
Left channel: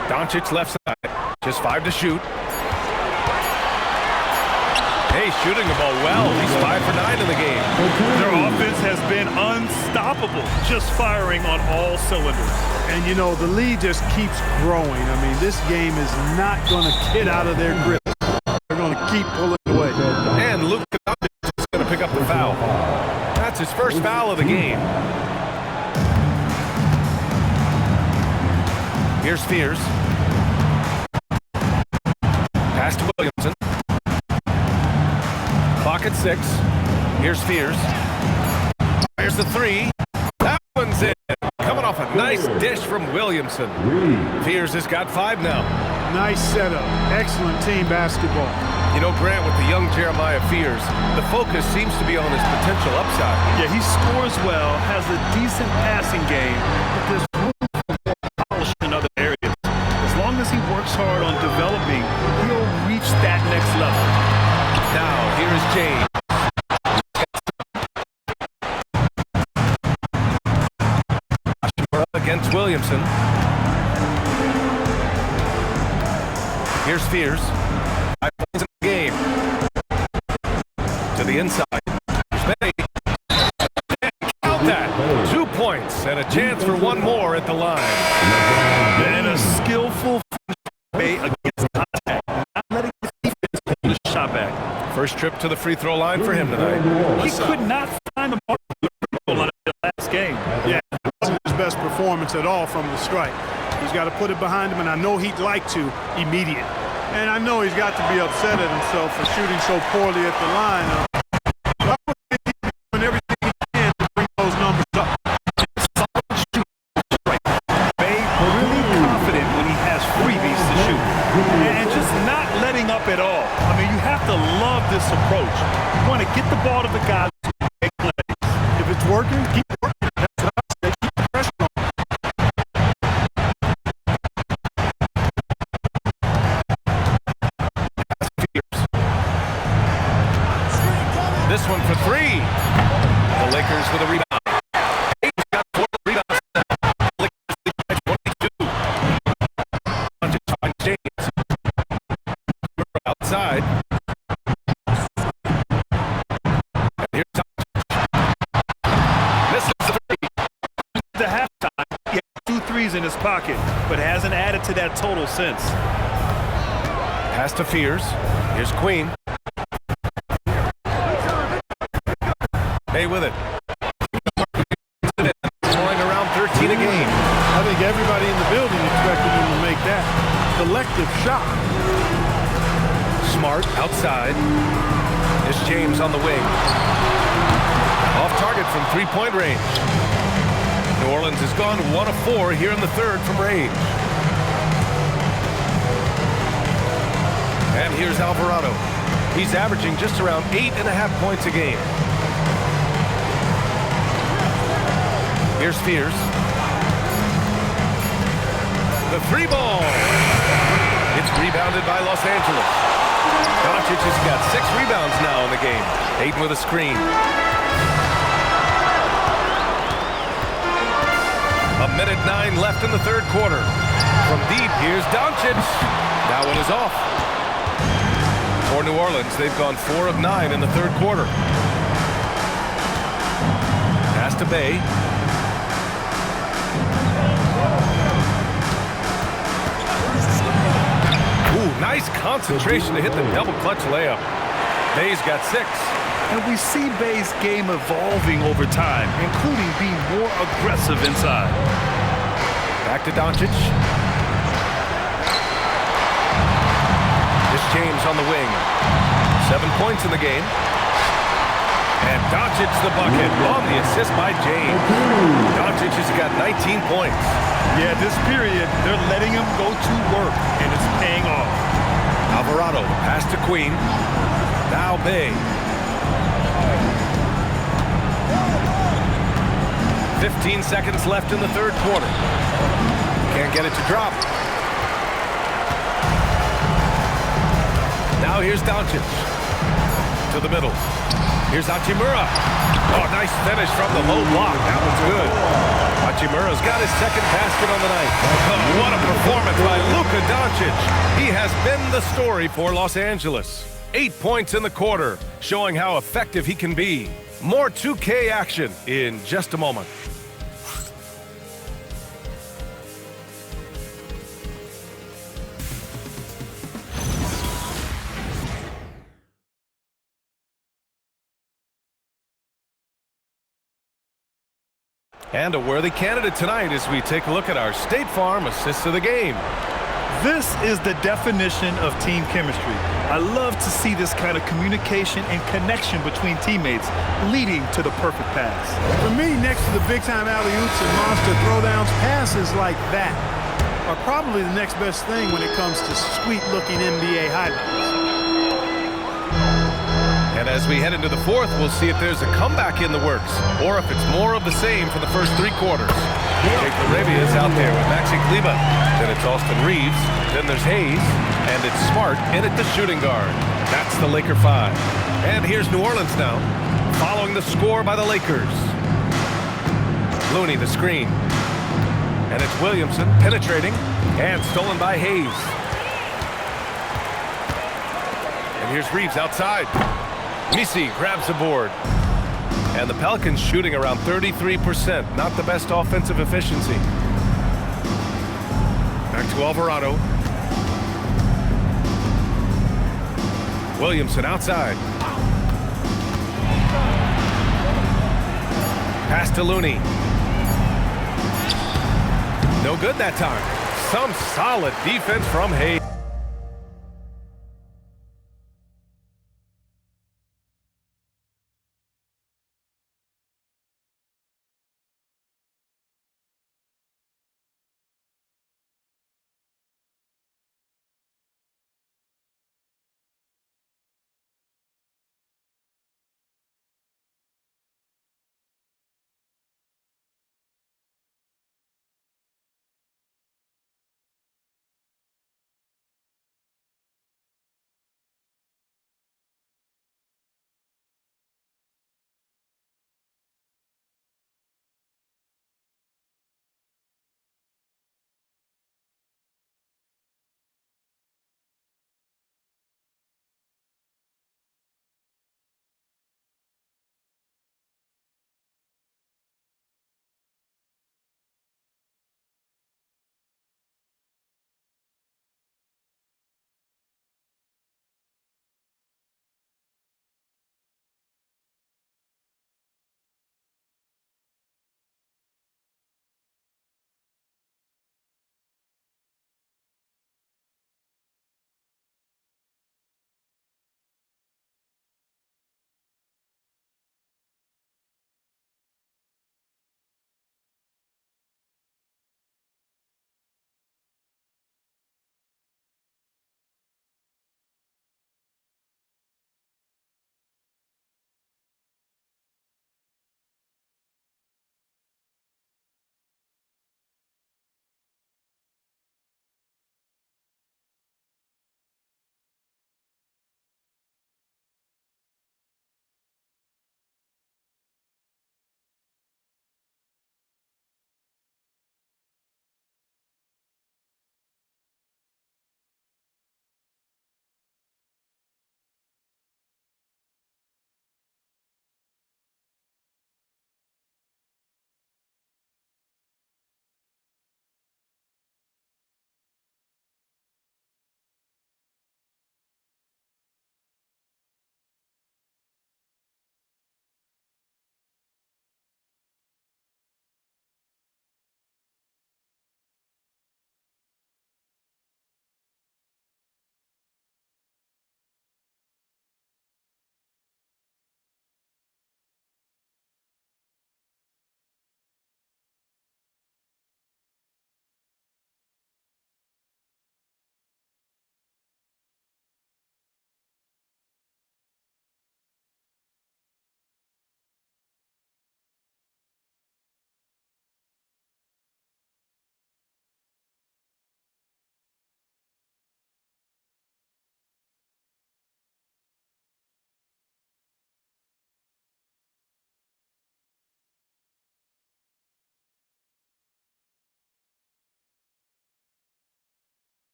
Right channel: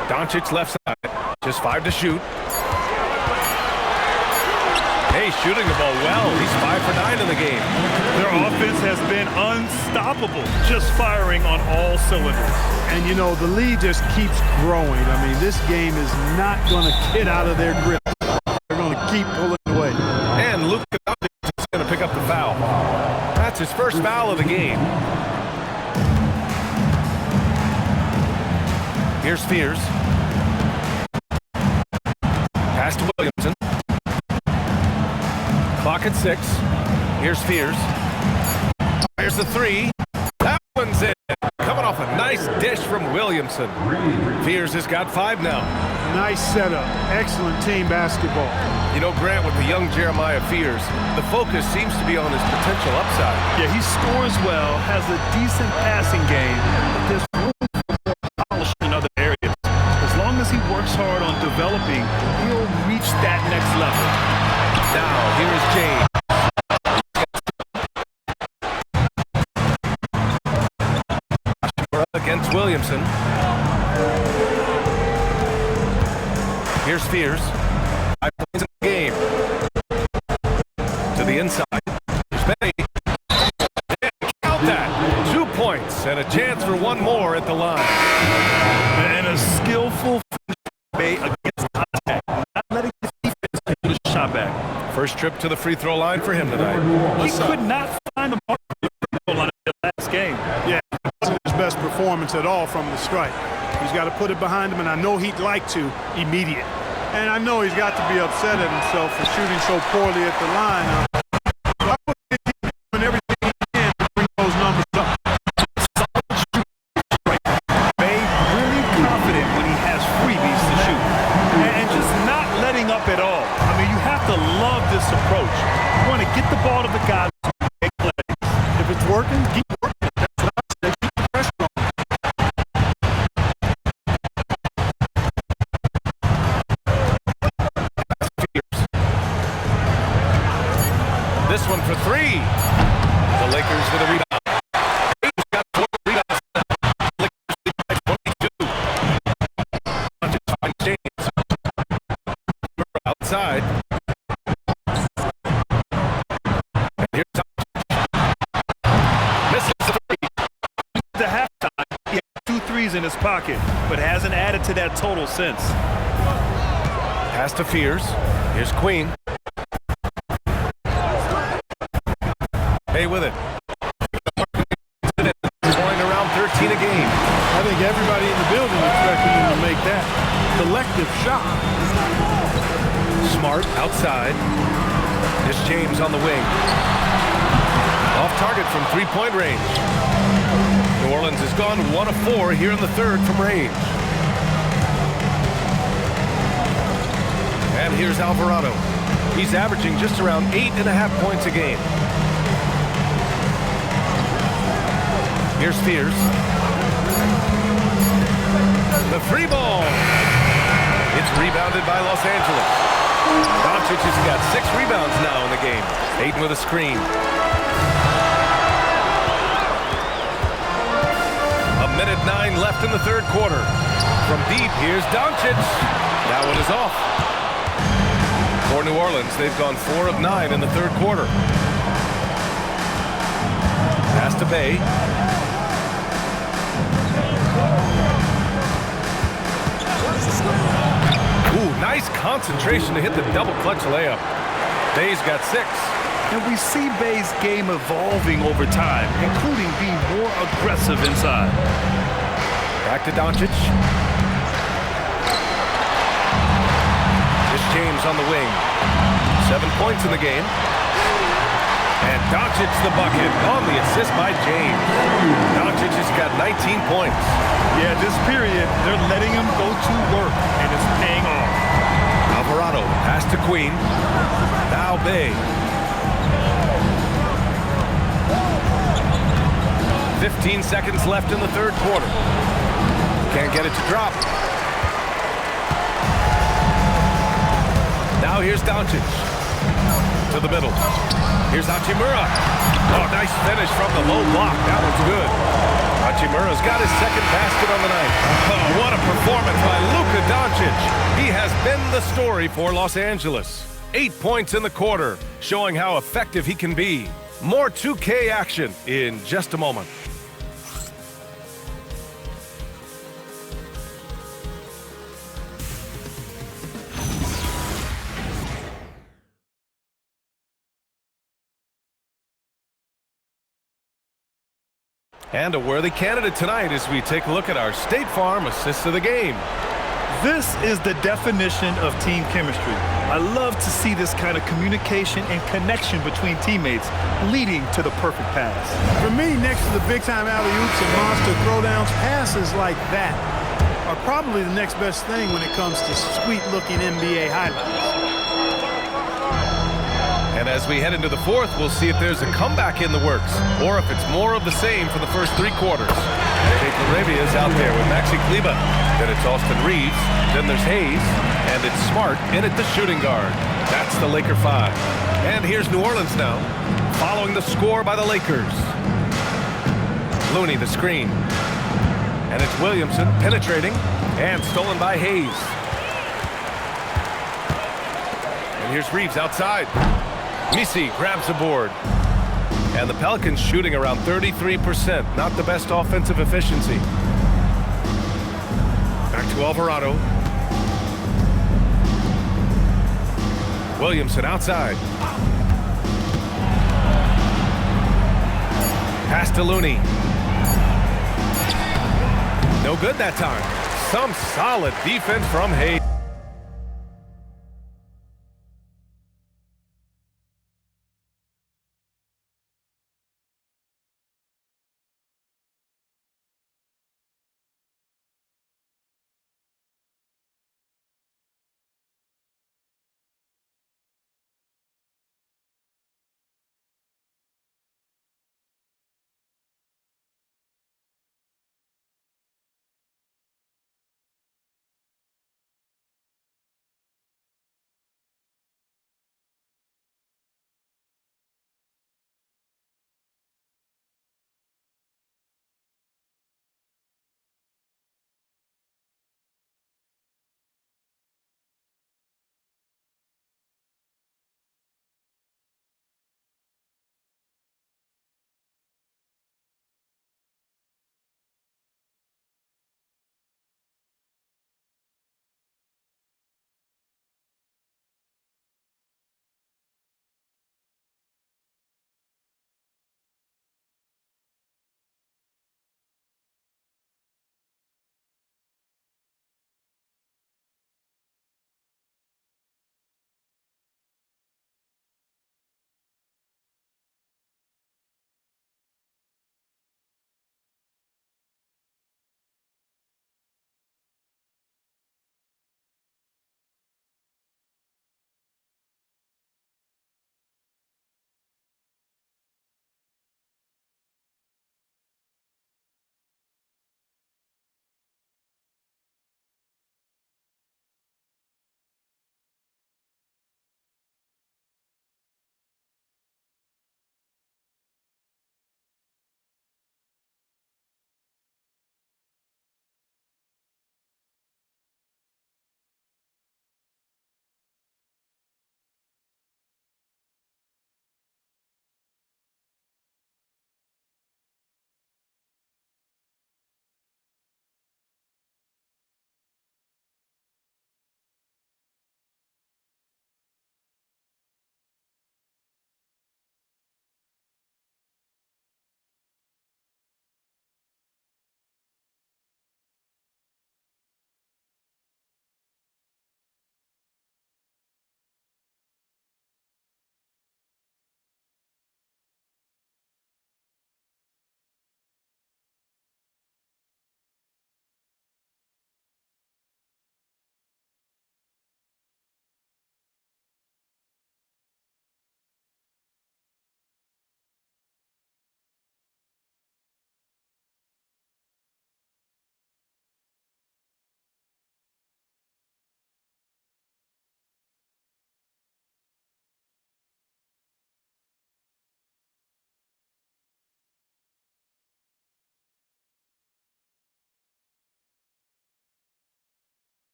Doncic left side. Just 5 to shoot. Hey, shooting the ball well. He's 5 for 9 in the game. Their offense has been unstoppable, just firing on all cylinders. And, you know, the lead just keeps growing. I mean, this game is not going to get out of their grip. They're going to keep pulling away. And Luka is going to pick up the foul. That's his first foul of the game. Here's Fears. Pass to Williamson. Clock at 6. Here's Fears. Fires the 3. That one's in. Coming off a nice dish from Williamson. Fears has got 5 now. Nice setup. Excellent team basketball. You know, Grant, with the young Jeremiah Fears, the focus seems to be on his potential upside. Yeah, he scores well, has a decent passing game, but there's room for more polish in other areas. As long as he works hard on developing, he'll reach that next level. Now, here is James. Against Williamson. Here's Fears. 5 points in the game. To the inside. Here's Bay. And count that. 2 points and a chance for one more at the line. And a skillful Bay against contact. Not letting his defense do the shot back. First trip to the free throw line for him tonight. He could not find the mark of the free throw line in the last game. Yeah, it wasn't his best performance at all from the strike. He's got to put it behind him, and I know he'd like to immediate. And I know he's got to be upset at himself for shooting so poorly at the line. So I would think he's doing everything he can to bring those numbers up. Solid shoot. Right. Bay really confident when he has freebies to shoot. And just not letting up at all. I mean, you have to love this approach. You want to get the ball to the guy to make plays. If it's working, keep working. That's what I say. Keep the pressure on. This one for 3. The Lakers with a rebound. He's got 4 rebounds now. Lakers lead by 22. Finds James. Outside. And here's Doncic. Misses the 3. The halftime, he had 2 threes in his pocket, but hasn't added to that total since. Pass to Fears. Here's Queen. Bay with it. Scoring around 13 a game. I think everybody in the building expected him to make that collective shot. Smart outside. Here's James on the wing. Off target from three-point range. New Orleans has gone 1 of 4 here in the third from range. And here's Alvarado. He's averaging just around 8.5 points a game. Here's Fears. The three ball. It's rebounded by Los Angeles. Doncic has got 6 rebounds now in the game. Ayton with a screen. A minute 9 left in the third quarter. From deep, here's Doncic. That one is off. For New Orleans, they've gone 4 of 9 in the third quarter. Pass to Bay. Ooh, nice concentration to hit the double clutch layup. Bay's got 6. And we see Bay's game evolving over time, including being more aggressive inside. Back to Doncic. This James on the wing. 7 points in the game. And Doncic the bucket on the assist by James. Doncic has got 19 points. Yeah, this period, they're letting him go to work, and it's paying off. Alvarado, the pass to Queen. Now Bay. 15 seconds left in the third quarter. Can't get it to drop. Now here's Doncic. To the middle. Here's Hachimura. Oh, nice finish from the low block. That one's good. Hachimura's got his second basket on the night. Oh, what a performance by Luka Doncic. He has been the story for Los Angeles. 8 points in the quarter, showing how effective he can be. More 2K action in just a moment. And a worthy candidate tonight as we take a look at our State Farm assists of the game. This is the definition of team chemistry. I love to see this kind of communication and connection between teammates leading to the perfect pass. For me, next to the big-time alley-oops and monster throwdowns, passes like that are probably the next best thing when it comes to sweet-looking NBA highlights. And as we head into the fourth, we'll see if there's a comeback in the works or if it's more of the same for the first 3 quarters. Jake LaRavia is out there with Maxi Kleber. Then it's Austin Reeves. Then there's Hayes. And it's Smart in at the shooting guard. That's the Laker 5. And here's New Orleans now, following the score by the Lakers. Looney the screen. And it's Williamson penetrating and stolen by Hayes. And here's Reeves outside. Misi grabs a board. And the Pelicans shooting around 33%. Not the best offensive efficiency. Back to Alvarado. Williamson outside. Pass to Looney. No good that time. Some solid defense from Hayes.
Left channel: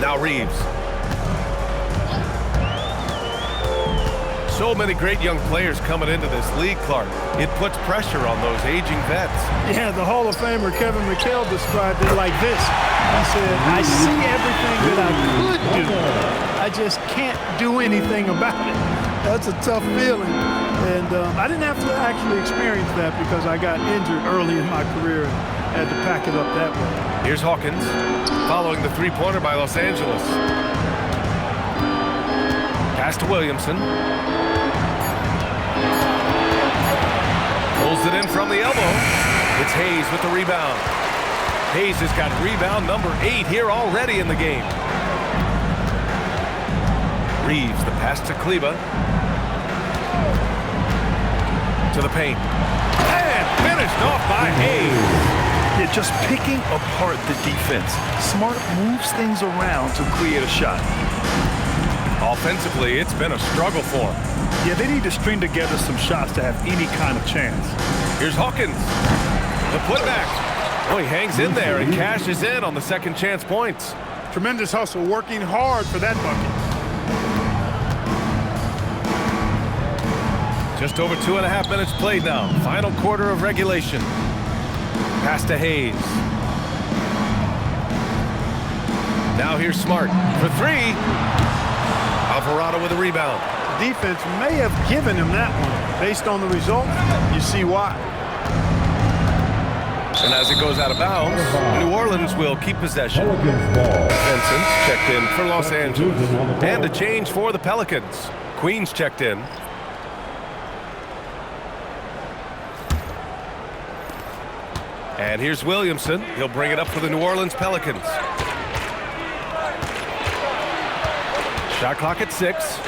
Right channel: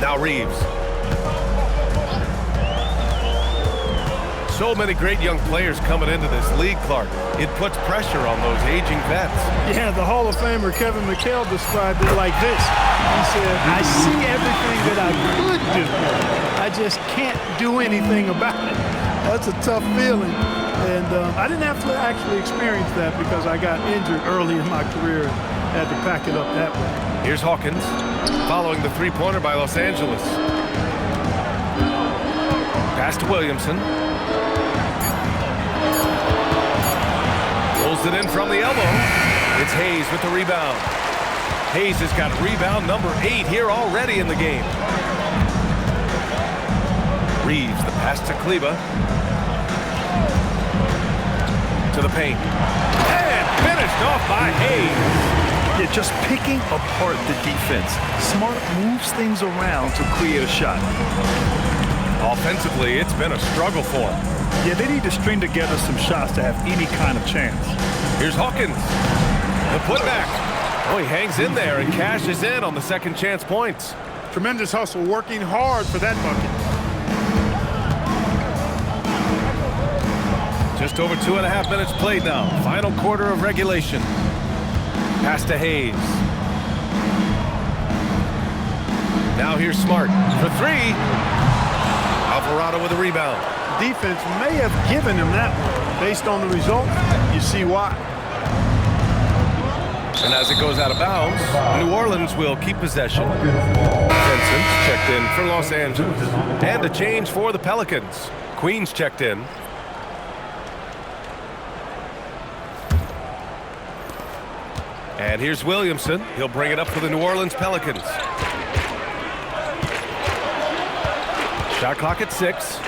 Now Reeves. So many great young players coming into this league, Clark. It puts pressure on those aging vets. Yeah, the Hall of Famer Kevin McHale described it like this. He said, I see everything that I could do. I just can't do anything about it. That's a tough feeling. And I didn't have to actually experience that because I got injured early in my career and had to pack it up that way. Here's Hawkins, following the three-pointer by Los Angeles. Pass to Williamson. Pulls it in from the elbow. It's Hayes with the rebound. Hayes has got rebound number 8 here already in the game. Reeves, the pass to Kleba. To the paint. And finished off by Hayes. Yeah, just picking apart the defense. Smart moves things around to create a shot. Offensively, it's been a struggle for him. Yeah, they need to string together some shots to have any kind of chance. Here's Hawkins. The putback. Oh, he hangs in there and cashes in on the second chance points. Tremendous hustle, working hard for that bucket. Just over 2.5 minutes played now. Final quarter of regulation. Pass to Hayes. Now here's Smart for 3. Alvarado with a rebound. The defense may have given him that one. Based on the result, you see why. And as it goes out of bounds, New Orleans will keep possession. Vincent's checked in for Los Angeles. And a change for the Pelicans. Queen's checked in. And here's Williamson. He'll bring it up for the New Orleans Pelicans. Shot clock at 6.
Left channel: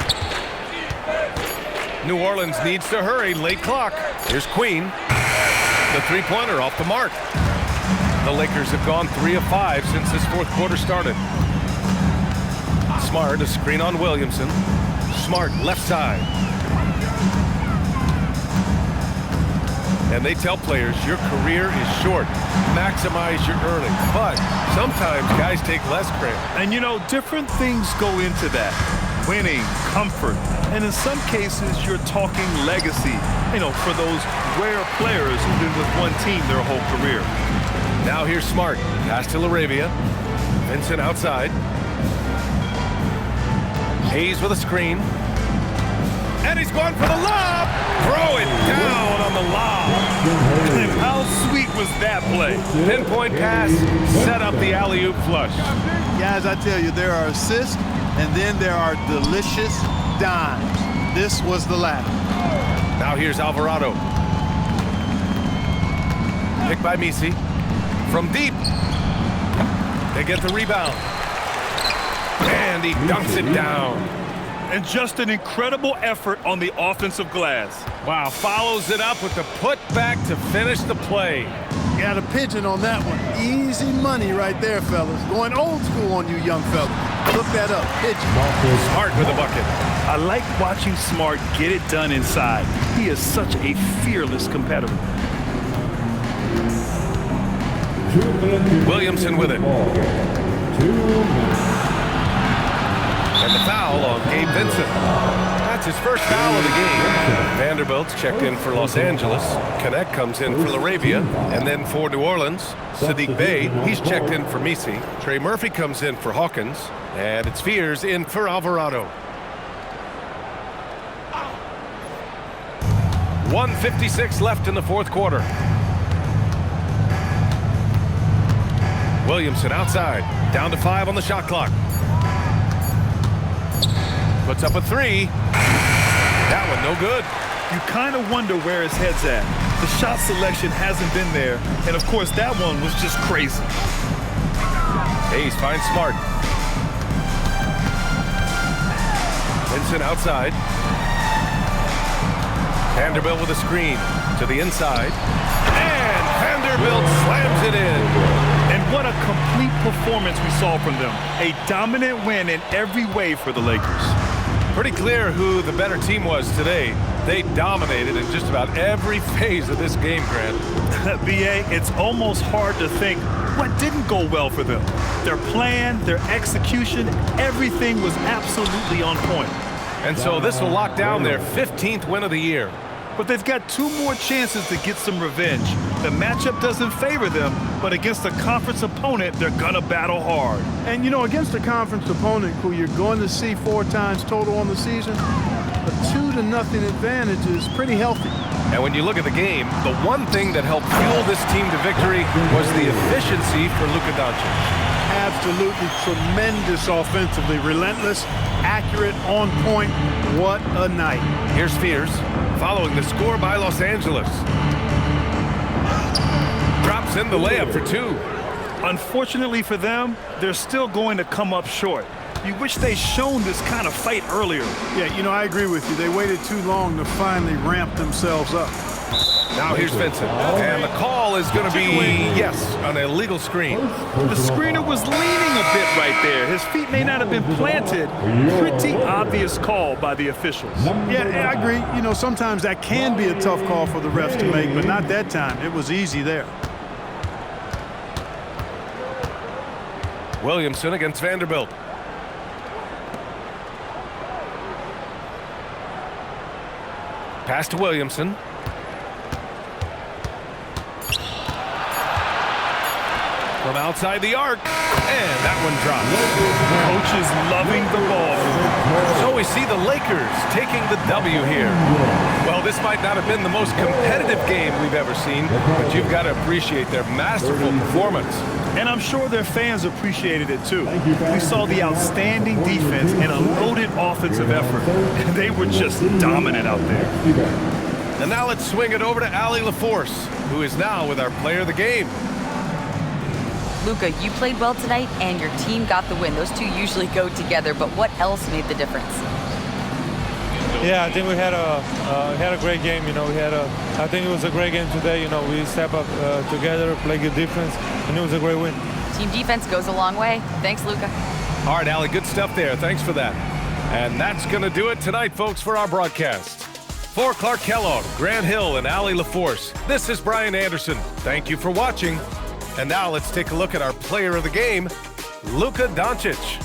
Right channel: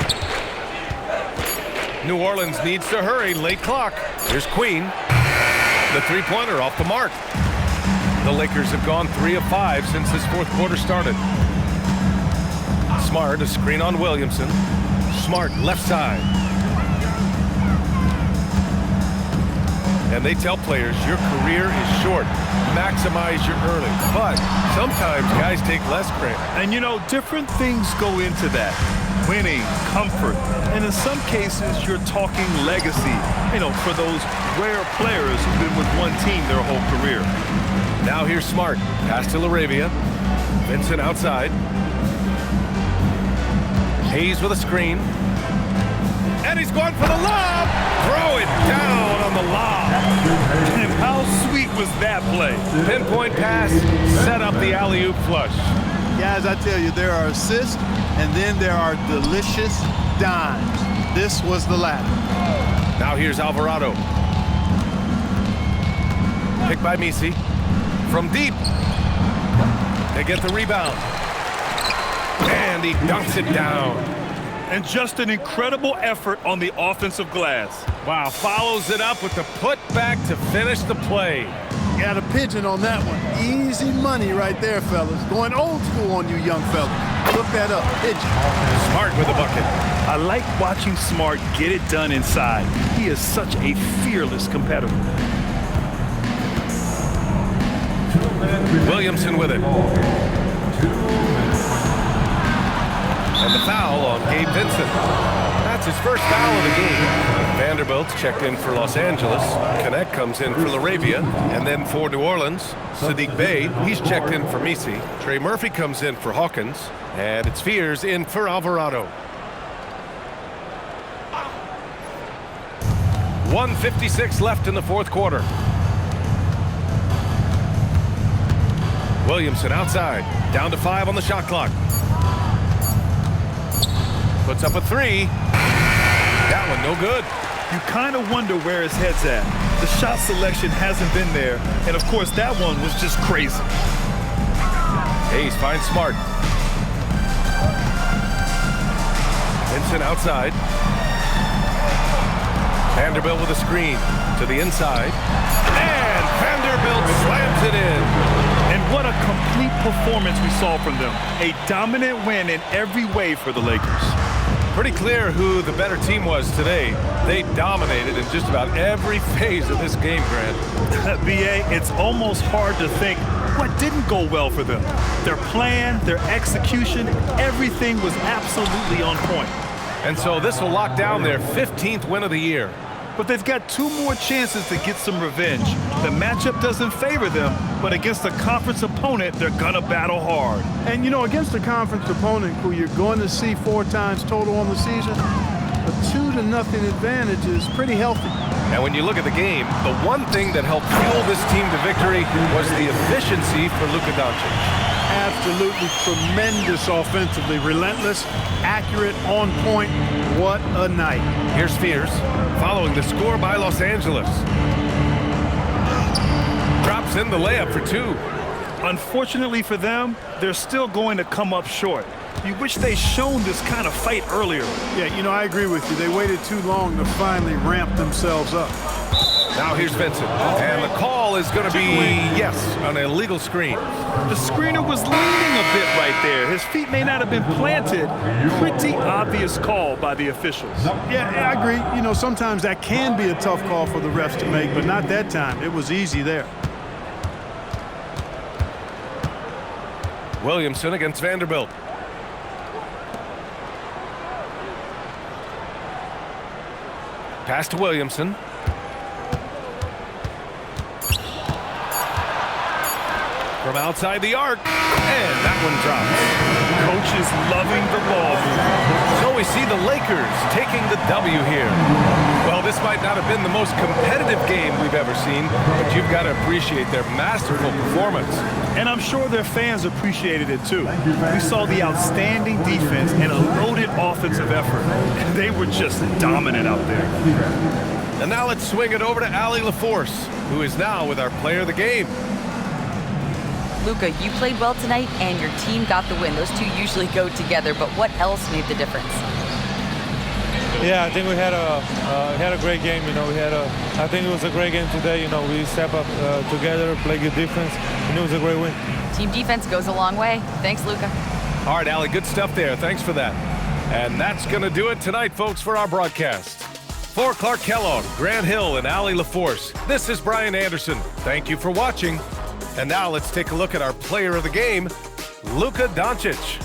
New Orleans needs to hurry. Late clock. Here's Queen. The three-pointer off the mark. The Lakers have gone 3 of 5 since this fourth quarter started. Smart, a screen on Williamson. Smart, left side. And they tell players, your career is short. Maximize your earnings. But sometimes guys take less credit. And you know, different things go into that. Winning, comfort, and in some cases, you're talking legacy. You know, for those rare players who've been with one team their whole career. Now here's Smart. Pass to LaRavia. Vincent outside. Hayes with a screen. And he's going for the lob. Throw it down on the lob. And how sweet was that play? Pinpoint pass, set up the alley-oop flush. Guys, I tell you, there are assists, and then there are delicious dimes. This was the latter. Now here's Alvarado. Picked by Misi. From deep. They get the rebound. And he dunks it down. And just an incredible effort on the offensive glass. Wow, follows it up with the putback to finish the play. Got a pigeon on that one. Easy money right there, fellas. Going old school on you young fellas. Look that up, pigeon. Smart with the bucket. I like watching Smart get it done inside. He is such a fearless competitor. Williamson with it. And the foul on Gabe Vincent. That's his first foul of the game. Vanderbilt's checked in for Los Angeles. Connect comes in for LaRavia. And then for New Orleans, Sadiq Bey, he's checked in for Misi. Trey Murphy comes in for Hawkins. And it's Fears in for Alvarado. 1:56 left in the fourth quarter. Williamson outside. Down to 5 on the shot clock. Puts up a 3. That one no good. You kind of wonder where his head's at. The shot selection hasn't been there. And, of course, that one was just crazy. Hayes finds Smart. Vincent outside. Vanderbilt with a screen to the inside. And Vanderbilt slams it in. And what a complete performance we saw from them. A dominant win in every way for the Lakers. Pretty clear who the better team was today. They dominated in just about every phase of this game, Grant. B.A., it's almost hard to think what didn't go well for them. Their plan, their execution, everything was absolutely on point. And so this will lock down their 15th win of the year. But they've got 2 more chances to get some revenge. The matchup doesn't favor them, but against a conference opponent, they're gonna battle hard. And, you know, against a conference opponent who you're going to see 4 times total on the season, a 2-0 advantage is pretty healthy. And when you look at the game, the one thing that helped fuel this team to victory was the efficiency for Luka Doncic. Absolutely tremendous offensively, relentless, accurate, on point. What a night. Here's Fears, following the score by Los Angeles. Drops in the layup for 2. Unfortunately for them, they're still going to come up short. You wish they'd shown this kind of fight earlier. Yeah, you know, I agree with you. They waited too long to finally ramp themselves up. Now here's Vincent, and the call is going to be, yes, an illegal screen. The screener was leaning a bit right there. His feet may not have been planted. Pretty obvious call by the officials. Yeah, I agree. You know, sometimes that can be a tough call for the refs to make, but not that time. It was easy there. Williamson against Vanderbilt. Pass to Williamson. From outside the arc, and that one drops. Coach is loving the ball movement. So we see the Lakers taking the W here. Well, this might not have been the most competitive game we've ever seen, but you've got to appreciate their masterful performance. And I'm sure their fans appreciated it too. We saw the outstanding defense and a loaded offensive effort. They were just dominant out there. And now let's swing it over to Allie LaForce, who is now with our player of the game. Luka, you played well tonight, and your team got the win. Those two usually go together, but what else made the difference? Yeah, I think we had a great game. You know, I think it was a great game today. You know, we step up together, play good defense, and it was a great win. Team defense goes a long way. Thanks, Luka. All right, Allie, good stuff there. Thanks for that. And that's going to do it tonight, folks, for our broadcast. For Clark Kellogg, Grant Hill, and Allie LaForce, this is Brian Anderson. Thank you for watching. And now let's take a look at our player of the game, Luka Doncic.